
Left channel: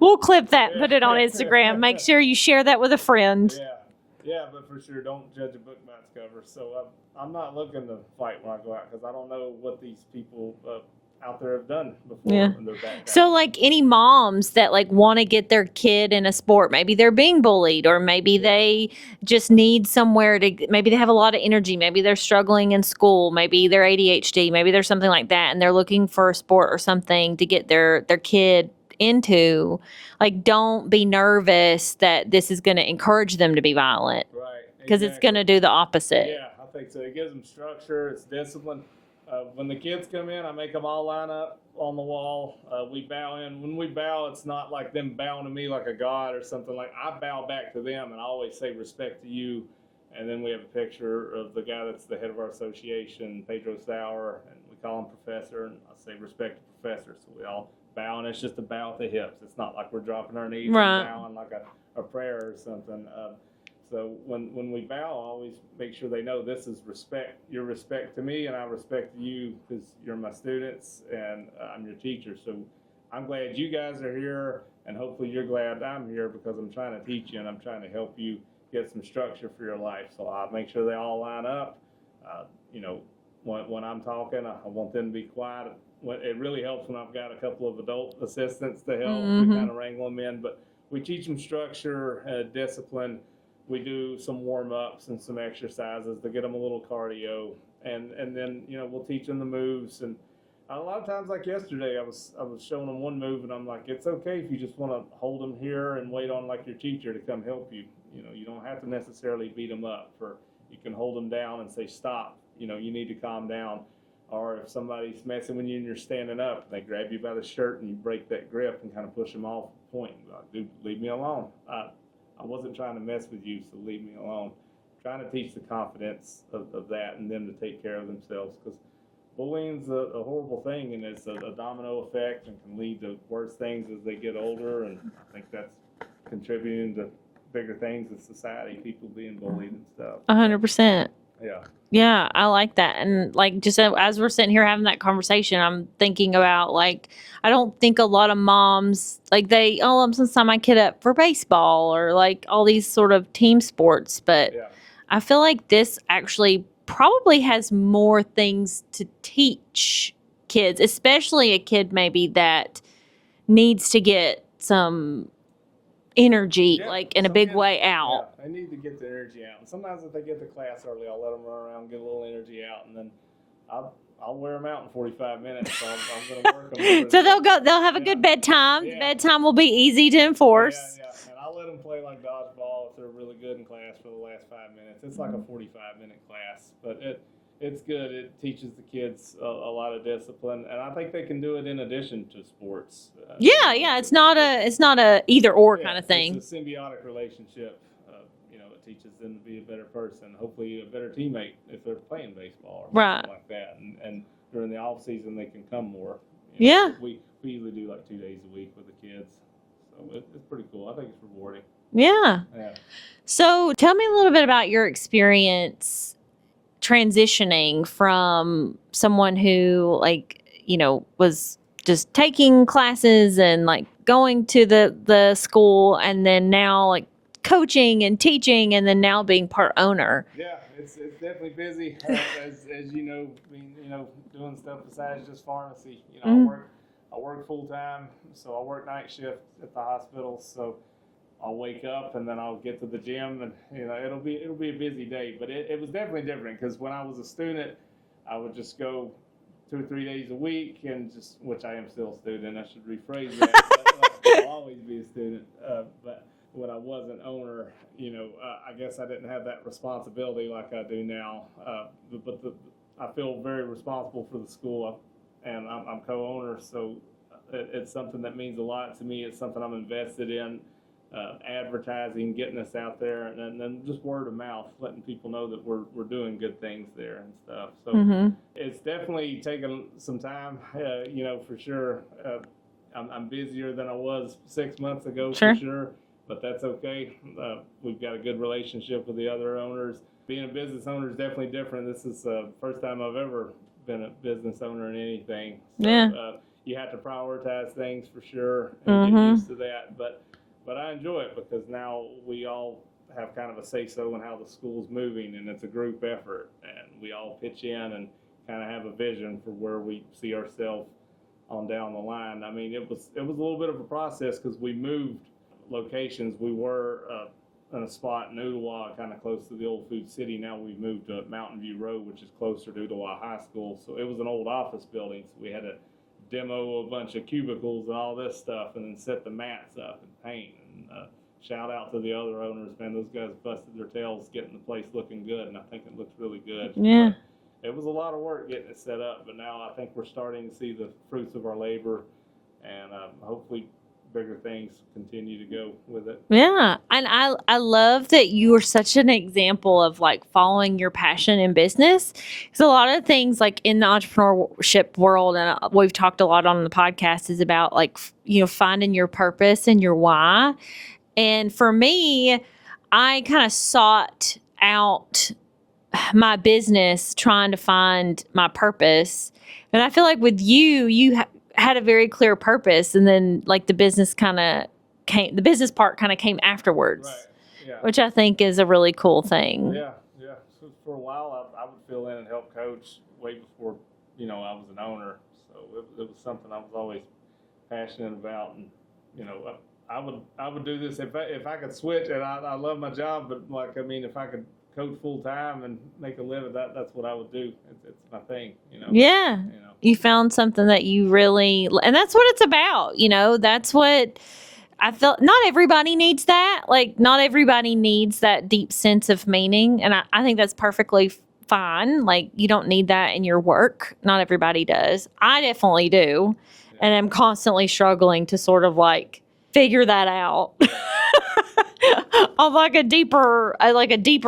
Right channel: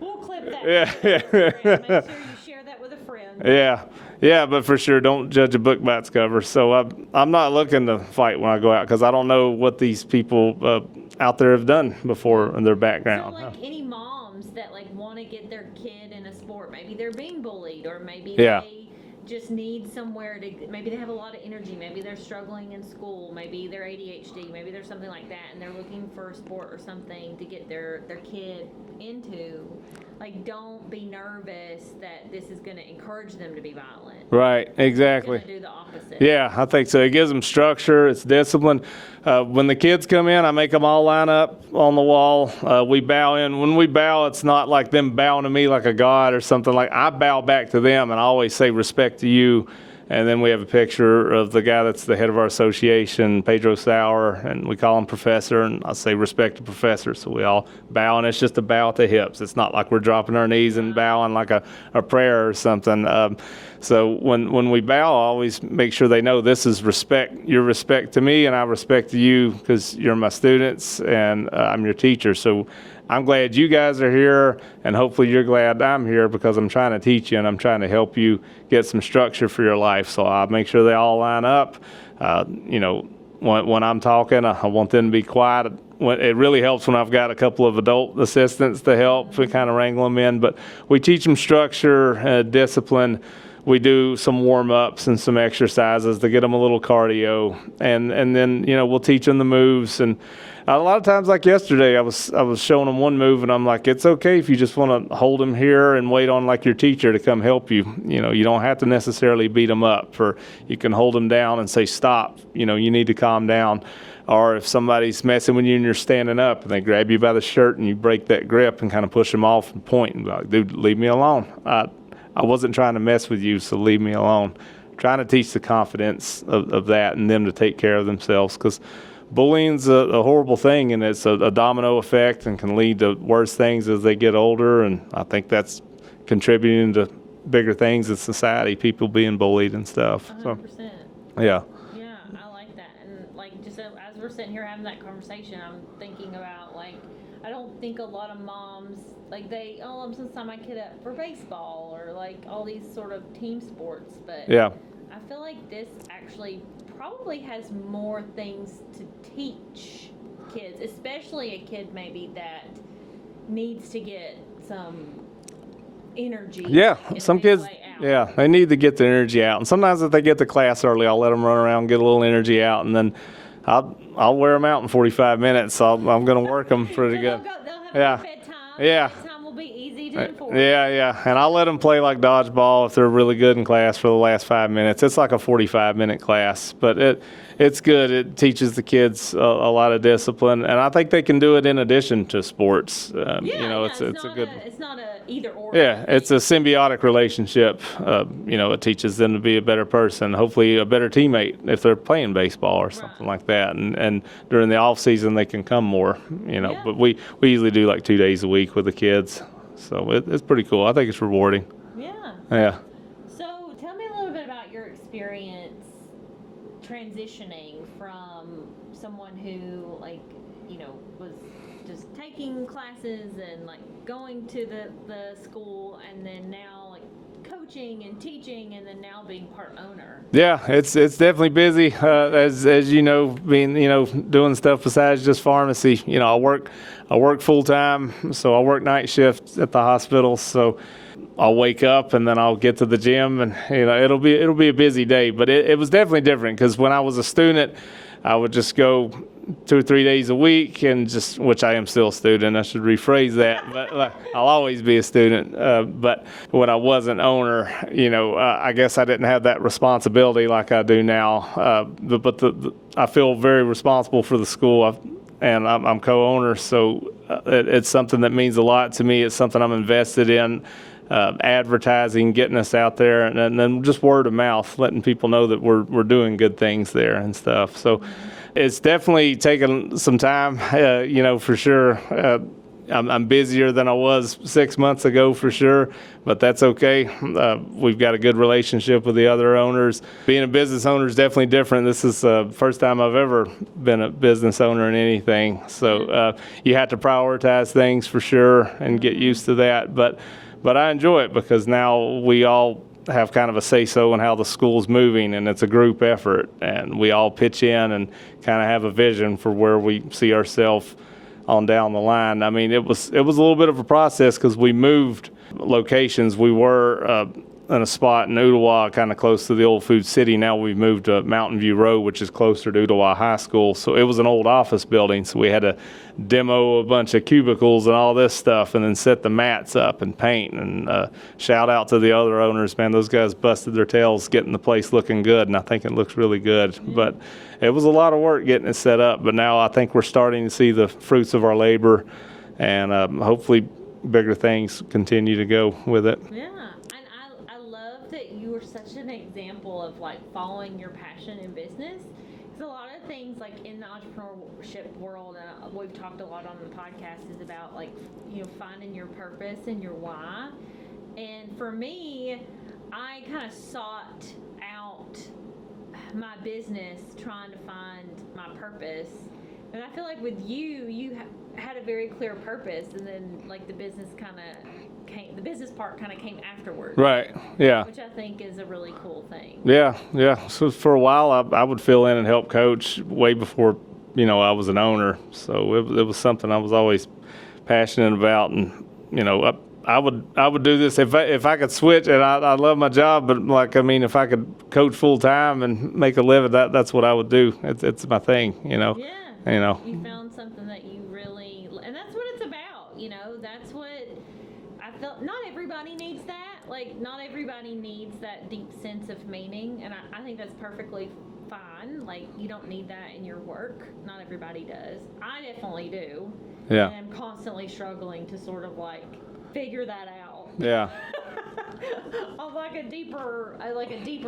We'll clip that, put it on Instagram. Make sure you share that with a friend. Yeah, but for sure, don't judge a book by its cover. So I'm not looking to fight when I go out, because I don't know what these people out there have done before in their background. So like any moms that like want to get their kid in a sport, maybe they're being bullied, or maybe they just need somewhere to, maybe they have a lot of energy, maybe they're struggling in school, maybe they're ADHD, maybe there's something like that, and they're looking for a sport or something to get their kid into. Like, don't be nervous that this is going to encourage them to be violent. Right, exactly. Because it's going to do the opposite. Yeah, I think so. It gives them structure. It's discipline. When the kids come in, I make them all line up on the wall. We bow in. When we bow, it's not like them bowing to me like a god or something. Like, I bow back to them, and I always say respect to you. And then we have a picture of the guy that's the head of our association, Pedro Sauer, and we call him Professor, and I say respect to Professor. So we all bow, and it's just a bow at the hips. It's not like we're dropping our knees and bowing like a prayer or something. So when we bow, I always make sure they know this is respect. Your respect to me, and I respect to you, because you're my students, and I'm your teacher. So I'm glad you guys are here, and hopefully you're glad I'm here, because I'm trying to teach you and I'm trying to help you get some structure for your life. So I make sure they all line up. When I'm talking, I want them to be quiet. It really helps when I've got a couple of adult assistants to help. We kind of wrangle them in, but we teach them structure, discipline. We do some warm-ups and some exercises to get them a little cardio, and then we'll teach them the moves. And a lot of times, like yesterday, I was showing them one move, and I'm like, it's okay if you just want to hold them here and wait on like your teacher to come help you. You know, you don't have to necessarily beat them up, or you can hold them down and say, stop. You know, you need to calm down. Or if somebody's messing with you and you're standing up and they grab you by the shirt and you break that grip and kind of push them off and point and be like, dude, leave me alone. I wasn't trying to mess with you, so leave me alone. Trying to teach the confidence of that and them to take care of themselves, because bullying's a horrible thing, and it's a domino effect and can lead to worse things as they get older. And I think that's contributing to bigger things in society, people being bullied and stuff. 100%. Yeah. Yeah, I like that. And like, just as we're sitting here having that conversation, I'm thinking about, like, I don't think a lot of moms, like, I'm going to sign my kid up for baseball or like all these sort of team sports. But Yeah. I feel like this actually probably has more things to teach kids, especially a kid maybe that needs to get some energy, like in a big kids, way out. Yeah, they need to get the energy out. And sometimes if they get to class early, I'll let them run around, get a little energy out, and then I'll wear them out in 45 minutes. So I'm going to work them. So they'll have a good bedtime. Yeah. Bedtime will be easy to enforce. Yeah. And I'll let them play like dodgeball if they're really good in class for the last 5 minutes. It's like a 45-minute class, but it's good. It teaches the kids a lot of discipline, and I think they can do it in addition to sports. It's not a either or kind of thing. It's a symbiotic relationship. It teaches them to be a better person, hopefully a better teammate if they're playing baseball or something like that. And during the off season, they can come more. But we usually do like 2 days a week with the kids, so it's pretty cool. I think it's rewarding. Yeah. Yeah. So tell me a little bit about your experience transitioning from someone who, like, was just taking classes and like going to the school, and then now like coaching and teaching, and then now being part owner. Yeah, it's definitely busy, as you know, being doing stuff besides just pharmacy. I work full time, so I work night shift at the hospital. So I'll wake up and then I'll get to the gym, and it'll be a busy day. But it was definitely different, because when I was a student, I would just go 2 or 3 days a week, and which I am still a student. I should rephrase that, but I'll always be a student. But when I wasn't owner, I guess I didn't have that responsibility like I do now. But I feel very responsible for the school, and I'm co-owner, so it's something that means a lot to me. It's something I'm invested in. Advertising, getting us out there, and then just word of mouth, letting people know that we're doing good things there and stuff. So It's definitely taken some time, for sure. I'm busier than I was 6 months ago, for sure, but that's okay. We've got a good relationship with the other owners. Being a business owner is definitely different. This is the first time I've ever been a business owner in anything. So you have to prioritize things for sure and get used to that. But I enjoy it, because now we all have kind of a say-so in how the school's moving, and it's a group effort, and we all pitch in and kind of have a vision for where we see ourselves on down the line. I mean, it was a little bit of a process, because we moved locations. We were in a spot in Ooltewah, kind of close to the old Food City. Now we've moved to Mountain View Road, which is closer to Ooltewah High School. So it was an old office building, so we had to demo a bunch of cubicles and all this stuff, and then set the mats up and paint. And shout out to the other owners, man. Those guys busted their tails getting the place looking good, and I think it looks really good. Yeah. But it was a lot of work getting it set up, but now I think we're starting to see the fruits of our labor, and hopefully bigger things continue to go with it. Yeah. And I love that you are such an example of like following your passion in business. Because a lot of things like in the entrepreneurship world, and we've talked a lot on the podcast, is about like, finding your purpose and your why. And for me, I kind of sought out my business trying to find my purpose. And I feel like with you had a very clear purpose, and then like the business part kind of came afterwards. Right. Yeah. Which I think is a really cool thing. Yeah. So for a while, I would fill in and help coach way before, I was an owner. So it was something I was always passionate about, and I would do this if I could switch, and I love my job, but like, I mean, if I could coach full time and make a living, that's what I would do. It's my thing, you know. Yeah. You know, you found something that you really, and that's what it's about. You know, that's what I felt. Not everybody needs that. Like, not everybody needs that deep sense of meaning, and I think that's perfectly fine. Like, you don't need that in your work. Not everybody does. I definitely do. Yeah. And I'm constantly struggling to sort of like figure that out. Yeah. On like a deeper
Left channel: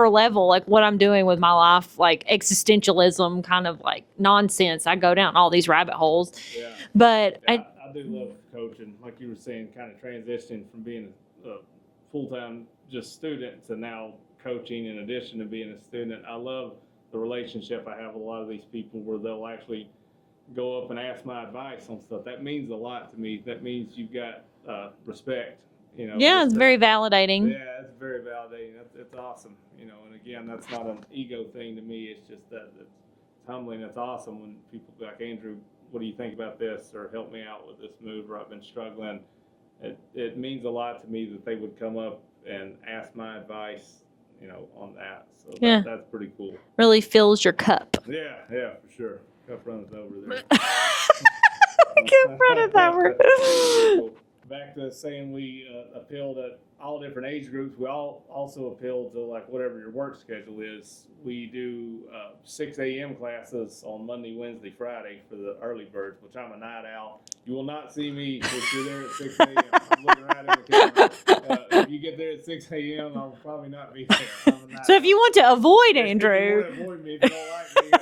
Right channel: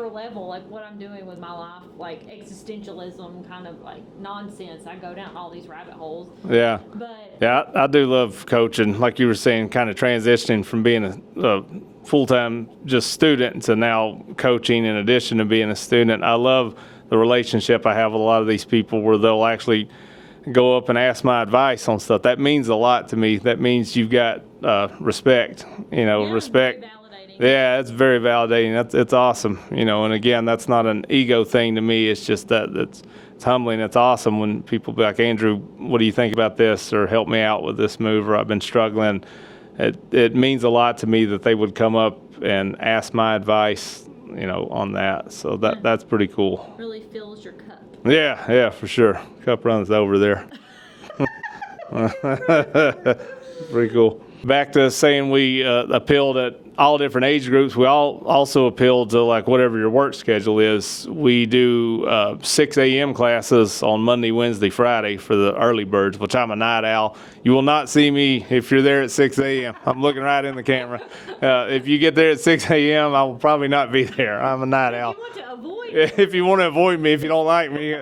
level, like what I'm doing with my life, like existentialism kind of like nonsense. I go down all these rabbit holes. Yeah. But yeah, I do love coaching. Like you were saying, kind of transitioning from being a full-time just student to now coaching in addition to being a student. I love the relationship I have with a lot of these people where they'll actually go up and ask my advice on stuff. That means a lot to me. That means you've got respect, you know. yeah, respect. It's very validating. Yeah, it's very validating. It's awesome, you know. And again, that's not an ego thing to me. It's just that it's humbling. It's awesome when people be like, Andrew, what do you think about this? Or help me out with this move, or I've been struggling. It means a lot to me that they would come up and ask my advice, you know, on that. So that's pretty cool. Really fills your cup. Yeah, for sure. Cup runs over there. Pretty cool. Back to saying we appealed at all different age groups. We all also appeal to like whatever your work schedule is. We do 6 a.m. classes on Monday, Wednesday, Friday for the early birds, which I'm a night owl. You will not see me if you're there at 6 a.m. I'm looking right in the camera. If you get there at 6 a.m., I will probably not be there. I'm a night owl. So if you want to avoid Andrew. If you want to avoid me, if you don't like me,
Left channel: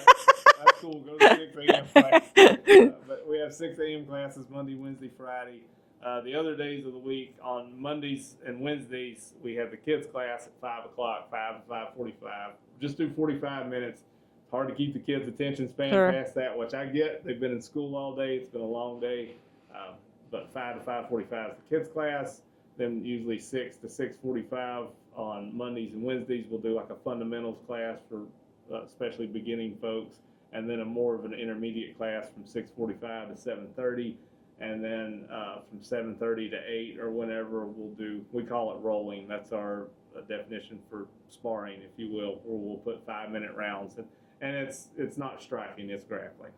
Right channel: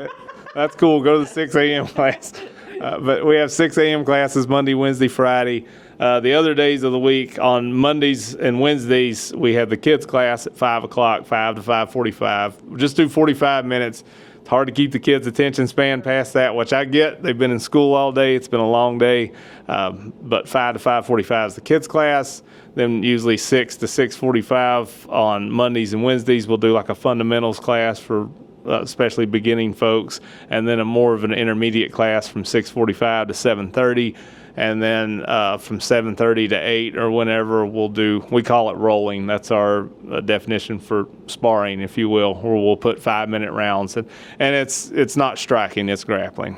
that's cool. Go to the 6 a.m. class. But we have 6 a.m. classes Monday, Wednesday, Friday. The other days of the week, on Mondays and Wednesdays, we have the kids class at 5 o'clock, 5 to 5:45. We just do 45 minutes. It's hard to keep the kids' attention span past that, which I get. They've been in school all day. It's been a long day. But 5 to 5:45 is the kids' class. Then usually 6 to 6:45 on Mondays and Wednesdays, we'll do like a fundamentals class for especially beginning folks, and then a more of an intermediate class from 6:45 to 7:30. And then from 7:30 to 8 or whenever we call it rolling. That's our definition for sparring, if you will, where we'll put 5-minute rounds. And it's not striking, it's grappling.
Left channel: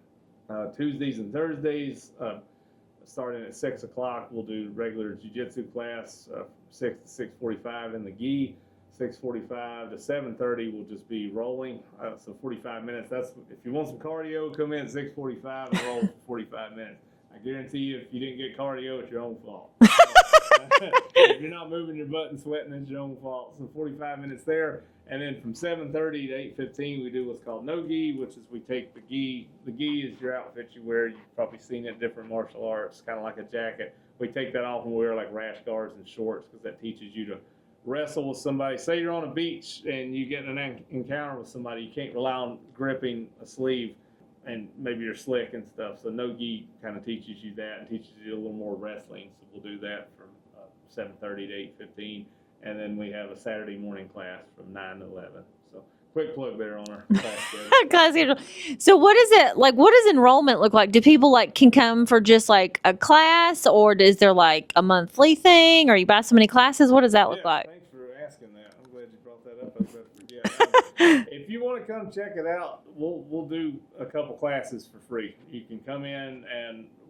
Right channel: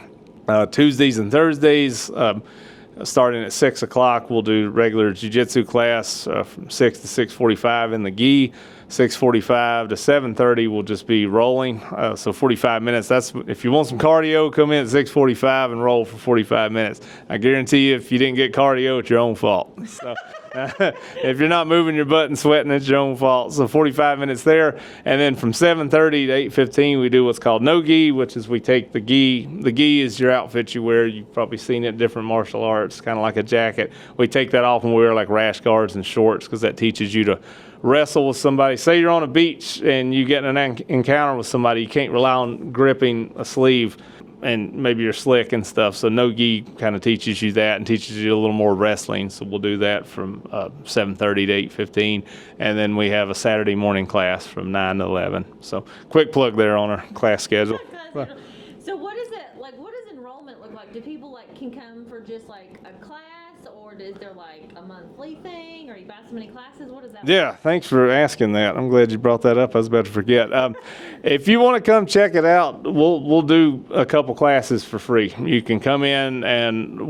Tuesdays and Thursdays, starting at 6 o'clock, we'll do regular jiu-jitsu class from 6 to 6:45 in the gi. 6:45 to 7:30 will just be rolling. So 45 minutes. That's if you want some cardio, come in at 6:45 and roll for 45 minutes. I guarantee you, if you didn't get cardio, it's your own fault. So, if you're not moving your butt and sweating, it's your own fault. So 45 minutes there, and then from 7:30 to 8:15, we do what's called no gi, which is we take the gi. The gi is your outfit you wear. You've probably seen it in different martial arts, kind of like a jacket. We take that off and we wear like rash guards and shorts because that teaches you to wrestle with somebody. Say you're on a beach and you get in an encounter with somebody, you can't rely on gripping a sleeve, and maybe you're slick and stuff. So no gi kind of teaches you that and teaches you a little more wrestling. So we'll do that from 7:30 to 8:15, and then we have a Saturday morning class from 9 to 11. So quick plug there on our class schedule. Class schedule. So what is it like? What does enrollment look like? Do people like can come for just like a class, or is there like a monthly thing, or you buy so many classes? What does that look like? Yeah, thanks for asking that. I'm glad you brought that up. I was about to forget. If you want to come check it out, we'll do a couple classes for free. You can come in, and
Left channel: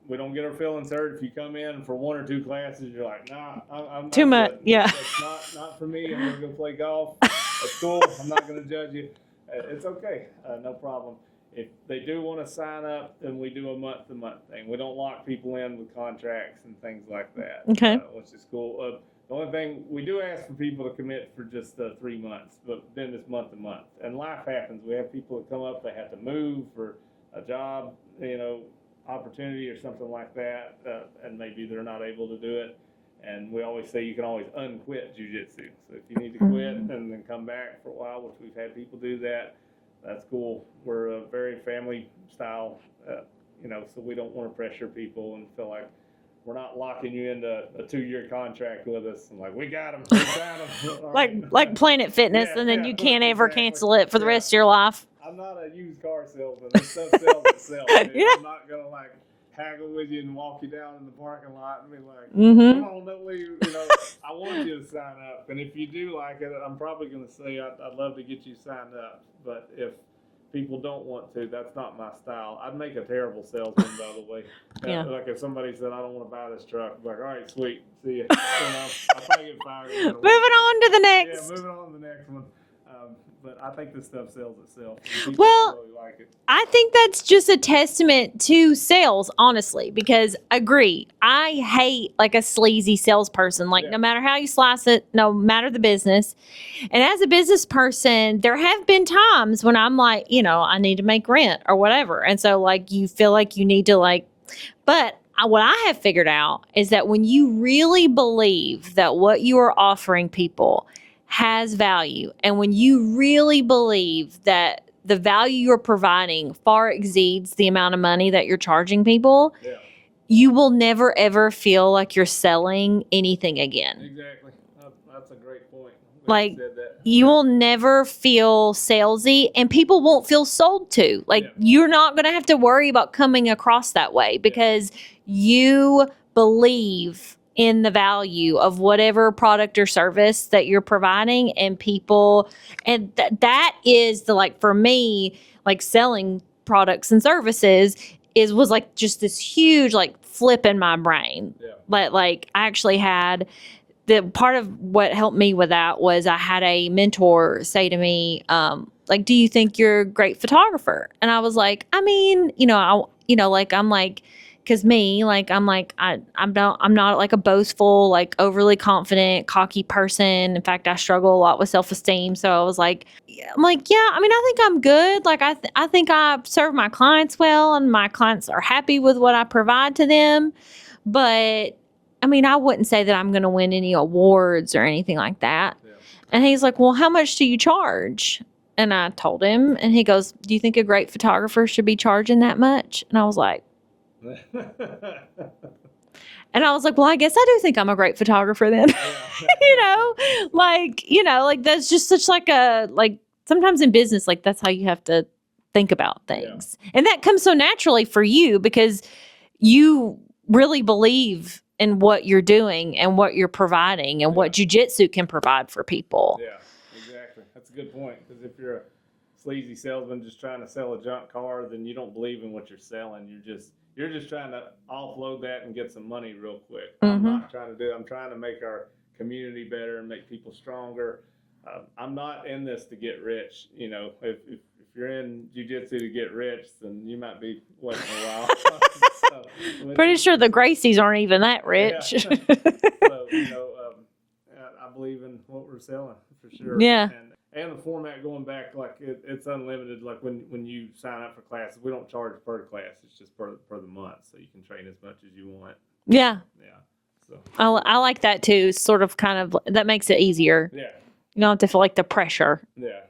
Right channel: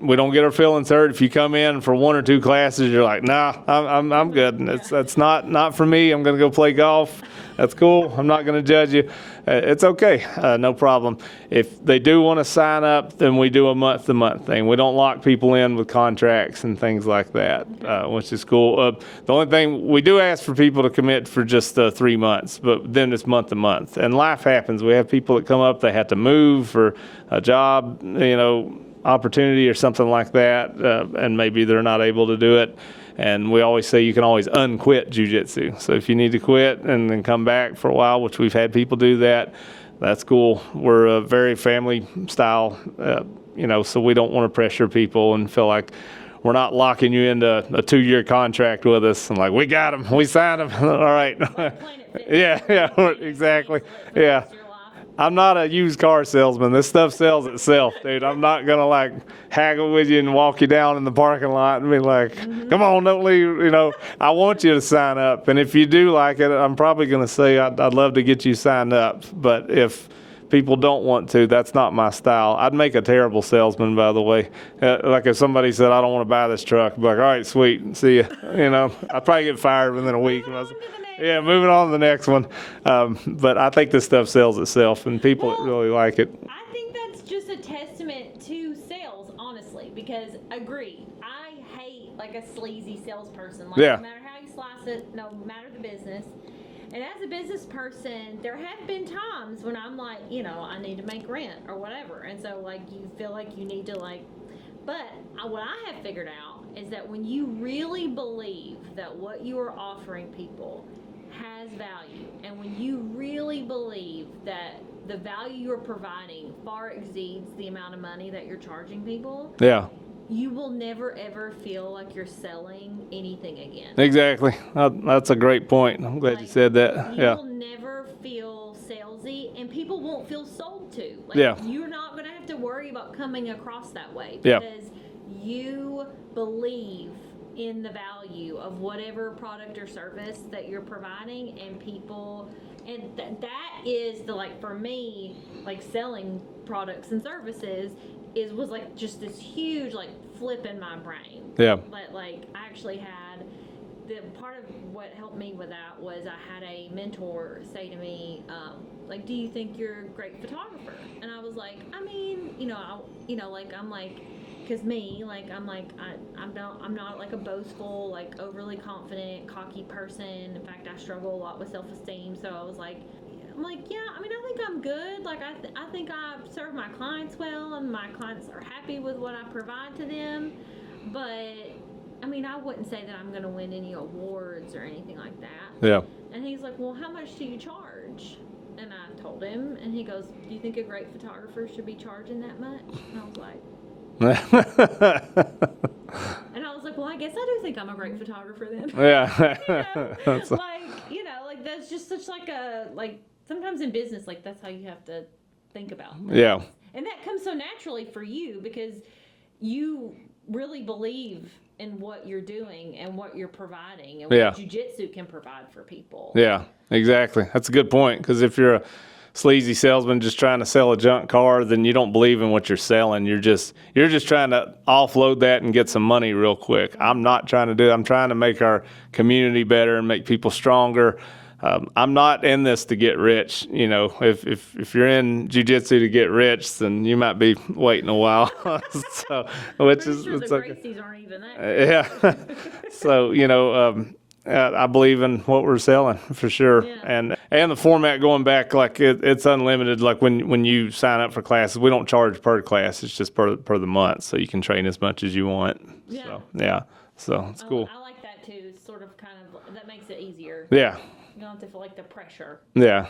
we don't get our feelings hurt. If you come in for 1 or 2 classes, you're like, nah, I'm good. Yeah. That's not for me. I'm going to go play golf. That's cool. I'm not going to judge you. It's okay. No problem. If they do want to sign up, then we do a month-to-month thing. We don't lock people in with contracts and things like that, which is cool. The only thing, we do ask for people to commit for just 3 months, but then it's month-to-month. And life happens. We have people that come up, they have to move for a job, opportunity or something like that, and maybe they're not able to do it. And we always say you can always unquit jiu-jitsu. So if you need to quit and then come back for a while, which we've had people do that, that's cool. We're a very family style, so we don't want to pressure people and feel like we're not locking you into a 2-year contract with us. I'm like, we got them. We signed them. All right. Like Planet Fitness, and then you can't ever cancel it for the rest of your life. I'm not a used car salesman. This stuff sells itself, dude. I'm not going to like haggle with you and walk you down in the parking lot and be like, come on, don't leave. I want you to sign up. And if you do like it, I'm probably going to say I'd love to get you signed up. But if people don't want to, that's not my style. I'd make a terrible salesman, by the way. Like if somebody said, I don't want to buy this truck, I'd be like, all right, sweet, see you. I'd probably get fired within a week. Moving on to the next. Yeah, moving on to the next one. But I think this stuff sells itself, and people really like it. I think that's just a testament to sales, honestly, because agree, I hate like a sleazy salesperson. Like no matter how you slice it, no matter the business. And as a business person, there have been times when I'm like, I need to make rent or whatever. And so like you feel like you need to but what I have figured out is that when you really believe that what you are offering people has value, and when you really believe that the value you're providing far exceeds the amount of money that you're charging people, you will never, ever feel like you're selling anything again. Exactly. That's a great point. I'm glad you said that. You will never feel salesy, and people won't feel sold to. You're not going to have to worry about coming across that way because you believe in the value of whatever product or service that you're providing, and people, and that is for me, selling products and services was just this huge flip in my brain. But I actually had the part of what helped me with that was I had a mentor say to me, do you think you're a great photographer? And I was like, I mean, because me, I'm not a boastful, overly confident, cocky person. In fact, I struggle a lot with self-esteem. So I was like, yeah, I mean, I think I'm good. I think I serve my clients well, and my clients are happy with what I provide to them. But I mean, I wouldn't say that I'm going to win any awards or anything like that. And he's like, well, how much do you charge? And I told him, and he goes, do you think a great photographer should be charging that much? And I was like, and I was like, well, I guess I do think I'm a great photographer then. That's just such sometimes in business, that's how you have to think about things. And that comes so naturally for you because you really believe in what you're doing and what you're providing and what jiu-jitsu can provide for people. Yeah, exactly. That's a good point, because if you're a sleazy salesman just trying to sell a junk car, then you don't believe in what you're selling. You're just trying to offload that and get some money real quick. I'm not trying to do that. I'm trying to make our community better and make people stronger. I'm not in this to get rich. If you're in jiu-jitsu to get rich, then you might be waiting a while. Pretty sure the Gracies aren't even that rich. So, I believe in what we're selling for sure. And the format going back, it's unlimited. When you sign up for classes, we don't charge per class. It's just per the month, so you can train as much as you want. So cool. I like that too. Sort of kind of that makes it easier. You don't have to feel like the pressure. Yeah,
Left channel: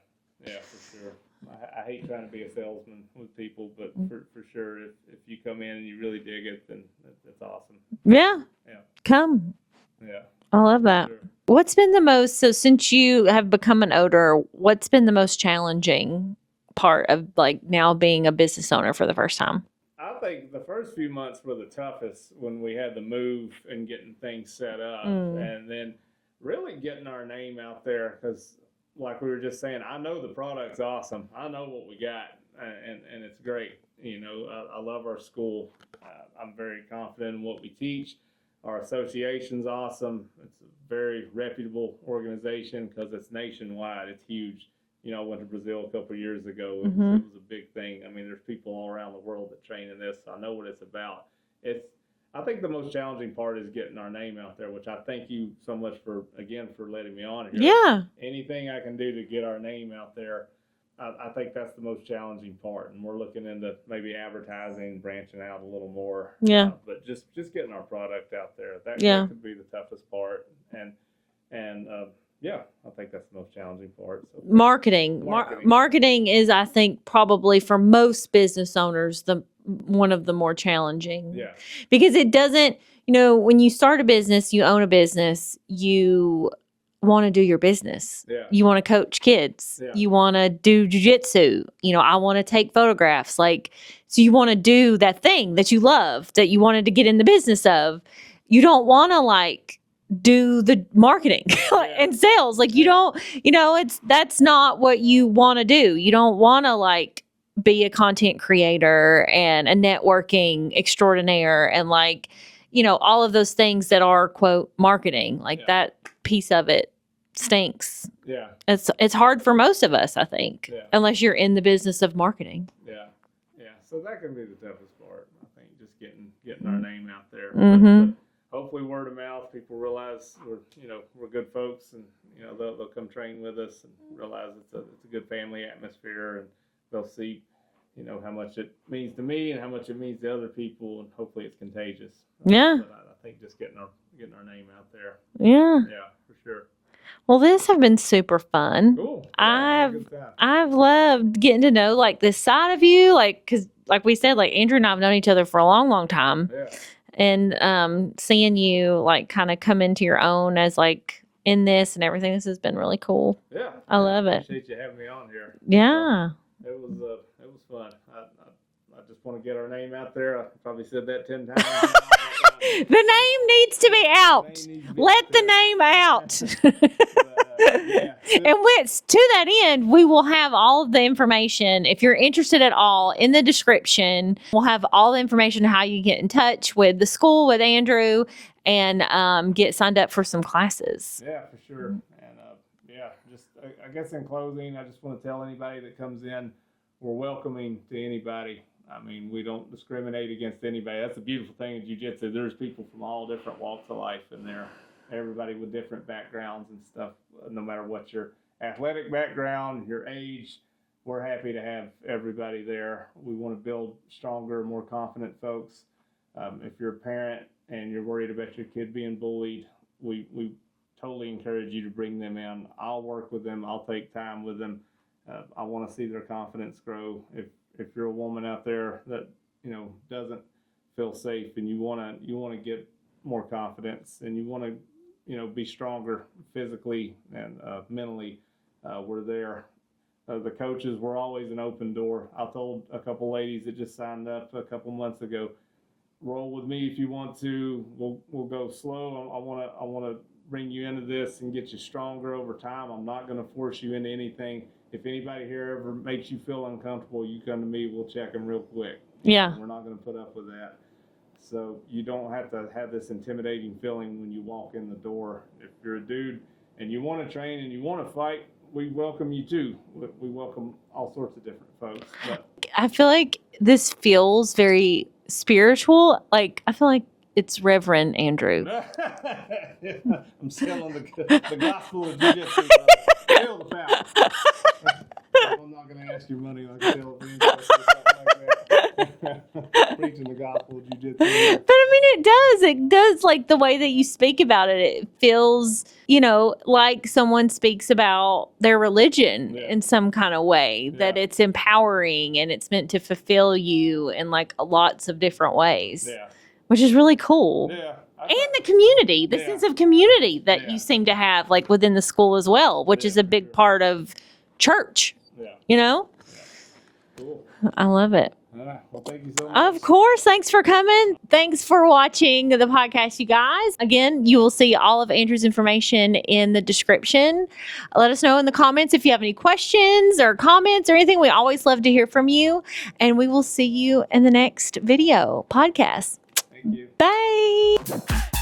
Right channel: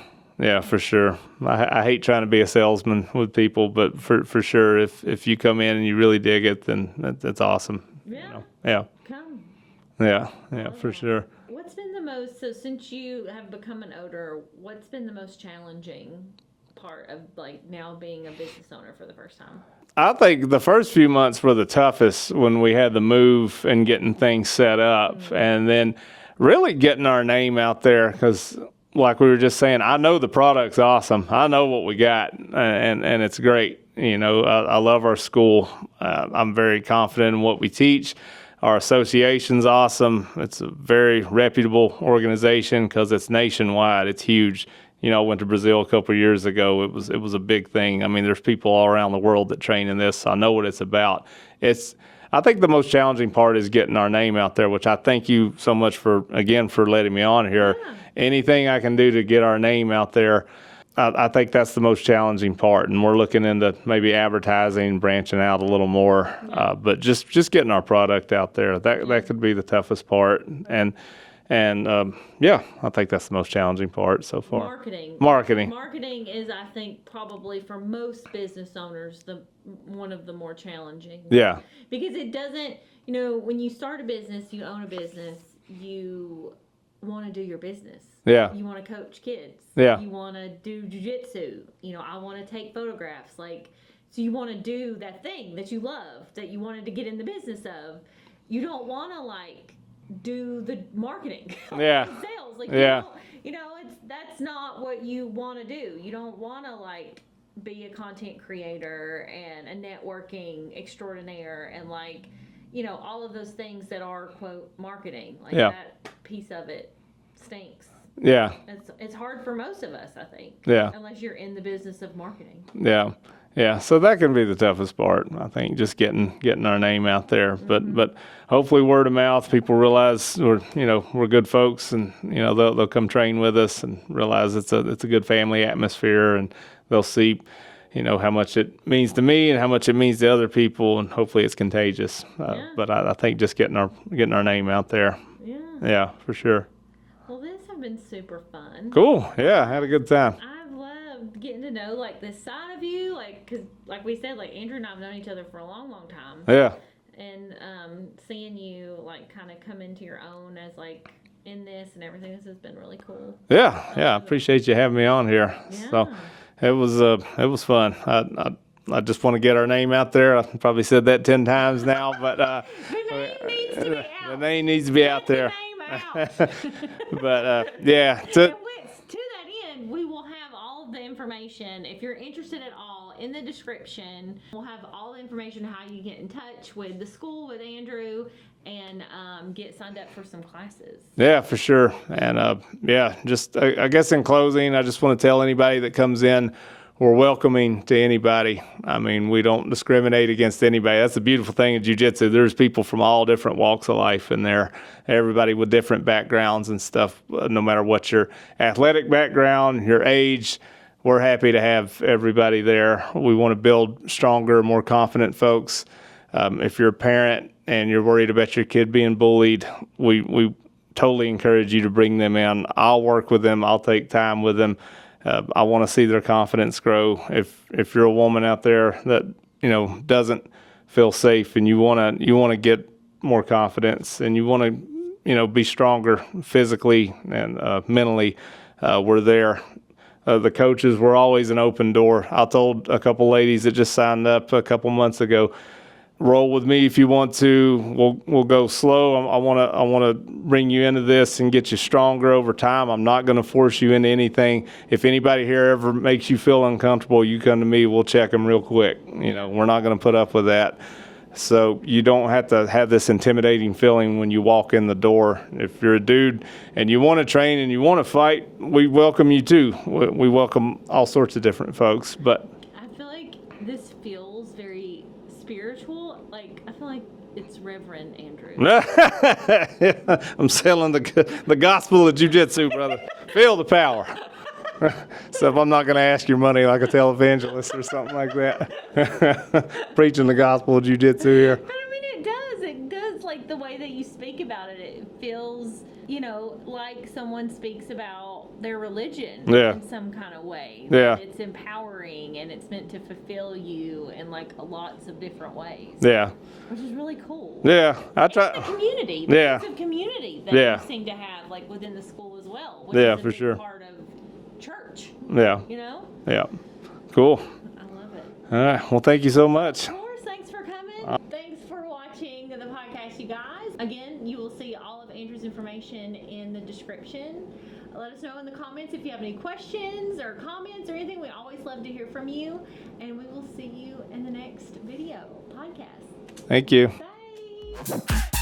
for sure. I hate trying to be a salesman with people, but for sure, if you come in and you really dig it, then that's awesome. Yeah. Come. Yeah. I love that. Sure. What's been the most, so since you have become an owner, what's been the most challenging part of now being a business owner for the first time? I think the first few months were the toughest when we had the move and getting things set up, and then really getting our name out there, because like we were just saying, I know the product's awesome. I know what we got, and it's great. I love our school. I'm very confident in what we teach. Our association's awesome. It's a very reputable organization because it's nationwide. It's huge. I went to Brazil a couple of years ago. It was a big thing. I mean, there's people all around the world that train in this. So I know what it's about. I think the most challenging part is getting our name out there, which I thank you so much for letting me on here. Anything I can do to get our name out there, I think that's the most challenging part. And we're looking into maybe advertising, branching out a little more. But just getting our product out there, that could be the toughest part. And I think that's the most challenging part so far. Marketing. Marketing is, I think, probably for most business owners, one of the more challenging. Yeah. Because it doesn't, when you start a business, you own a business, you want to do your business. Yeah. You want to coach kids. Yeah. You want to do jiu-jitsu. I want to take photographs. So you want to do that thing that you love, that you wanted to get in the business of. You don't want to do the marketing and sales. You don't, that's not what you want to do. You don't want to be a content creator and a networking extraordinaire and all of those things that are quote marketing. That piece of it stinks. Yeah. It's hard for most of us, I think. Yeah. Unless you're in the business of marketing. Yeah. Yeah. So that can be the toughest part, I think, just getting our name out there. Mm-hmm. But hopefully word of mouth, people realize we're good folks, and they'll come train with us and realize it's a good family atmosphere, and they'll see how much it means to me and how much it means to other people, and hopefully it's contagious. But I think just getting our name out there. Yeah. Yeah, for sure. Well, this has been super fun. Cool. Yeah, I had a good time. I've loved getting to know this side of you, because we said, Andrew and I have known each other for a long, long time. Yeah. And seeing you kind of come into your own as in this and everything, this has been really cool. Yeah. I love it. Appreciate you having me on here. Yeah. So, it was fun. I just want to get our name out there. I've probably said that 10 times now, but the name needs to be out. The name needs to be out there. Let the name out. But yeah. And to that end, we will have all of the information. If you're interested at all, in the description, we'll have all the information how you get in touch with the school, with Andrew, and get signed up for some classes. Yeah, for sure. And just I guess in closing, I just want to tell anybody that comes in, we're welcoming to anybody. I mean, we don't discriminate against anybody. That's the beautiful thing in jiu-jitsu. There's people from all different walks of life in there, everybody with different backgrounds and stuff, no matter what your athletic background, your age. We're happy to have everybody there. We want to build stronger, more confident folks. If you're a parent and you're worried about your kid being bullied, we totally encourage you to bring them in. I'll work with them. I'll take time with them. I want to see their confidence grow. If you're a woman out there that doesn't feel safe and you want to get more confidence and you want to be stronger physically and mentally, we're there. The coaches were always an open door. I told a couple ladies that just signed up a couple months ago, roll with me if you want to. We'll go slow. I want to bring you into this and get you stronger over time. I'm not going to force you into anything. If anybody here ever makes you feel uncomfortable, you come to me. We'll check them real quick. We're not going to put up with that. So you don't have to have this intimidating feeling when you walk in the door. If you're a dude and you want to train and you want to fight, we welcome you too. We welcome all sorts of different folks. But I feel like this feels very spiritual. I feel like it's Reverend Andrew. I'm selling the gospel of jiu-jitsu, brother. Feel the power. So if I'm not going to ask your money like a televangelist or something like that, preaching the gospel of jiu-jitsu here. But I mean, it does the way that you speak about it. It feels, like someone speaks about their religion in some kind of way. Yeah. That it's empowering and it's meant to fulfill you in lots of different ways. Yeah. Which is really cool. Yeah. And the community, the sense of community that you seem to have within the school as well, which is a big part of church. Yeah. Yeah. Cool. I love it. All right. Well, thank you so much. Of course. Thanks for coming. Thanks for watching the podcast, you guys. Again, you will see all of Andrew's information in the description. Let us know in the comments if you have any questions or comments or anything. We always love to hear from you. And we will see you in the next video podcast. Thank you. Bye.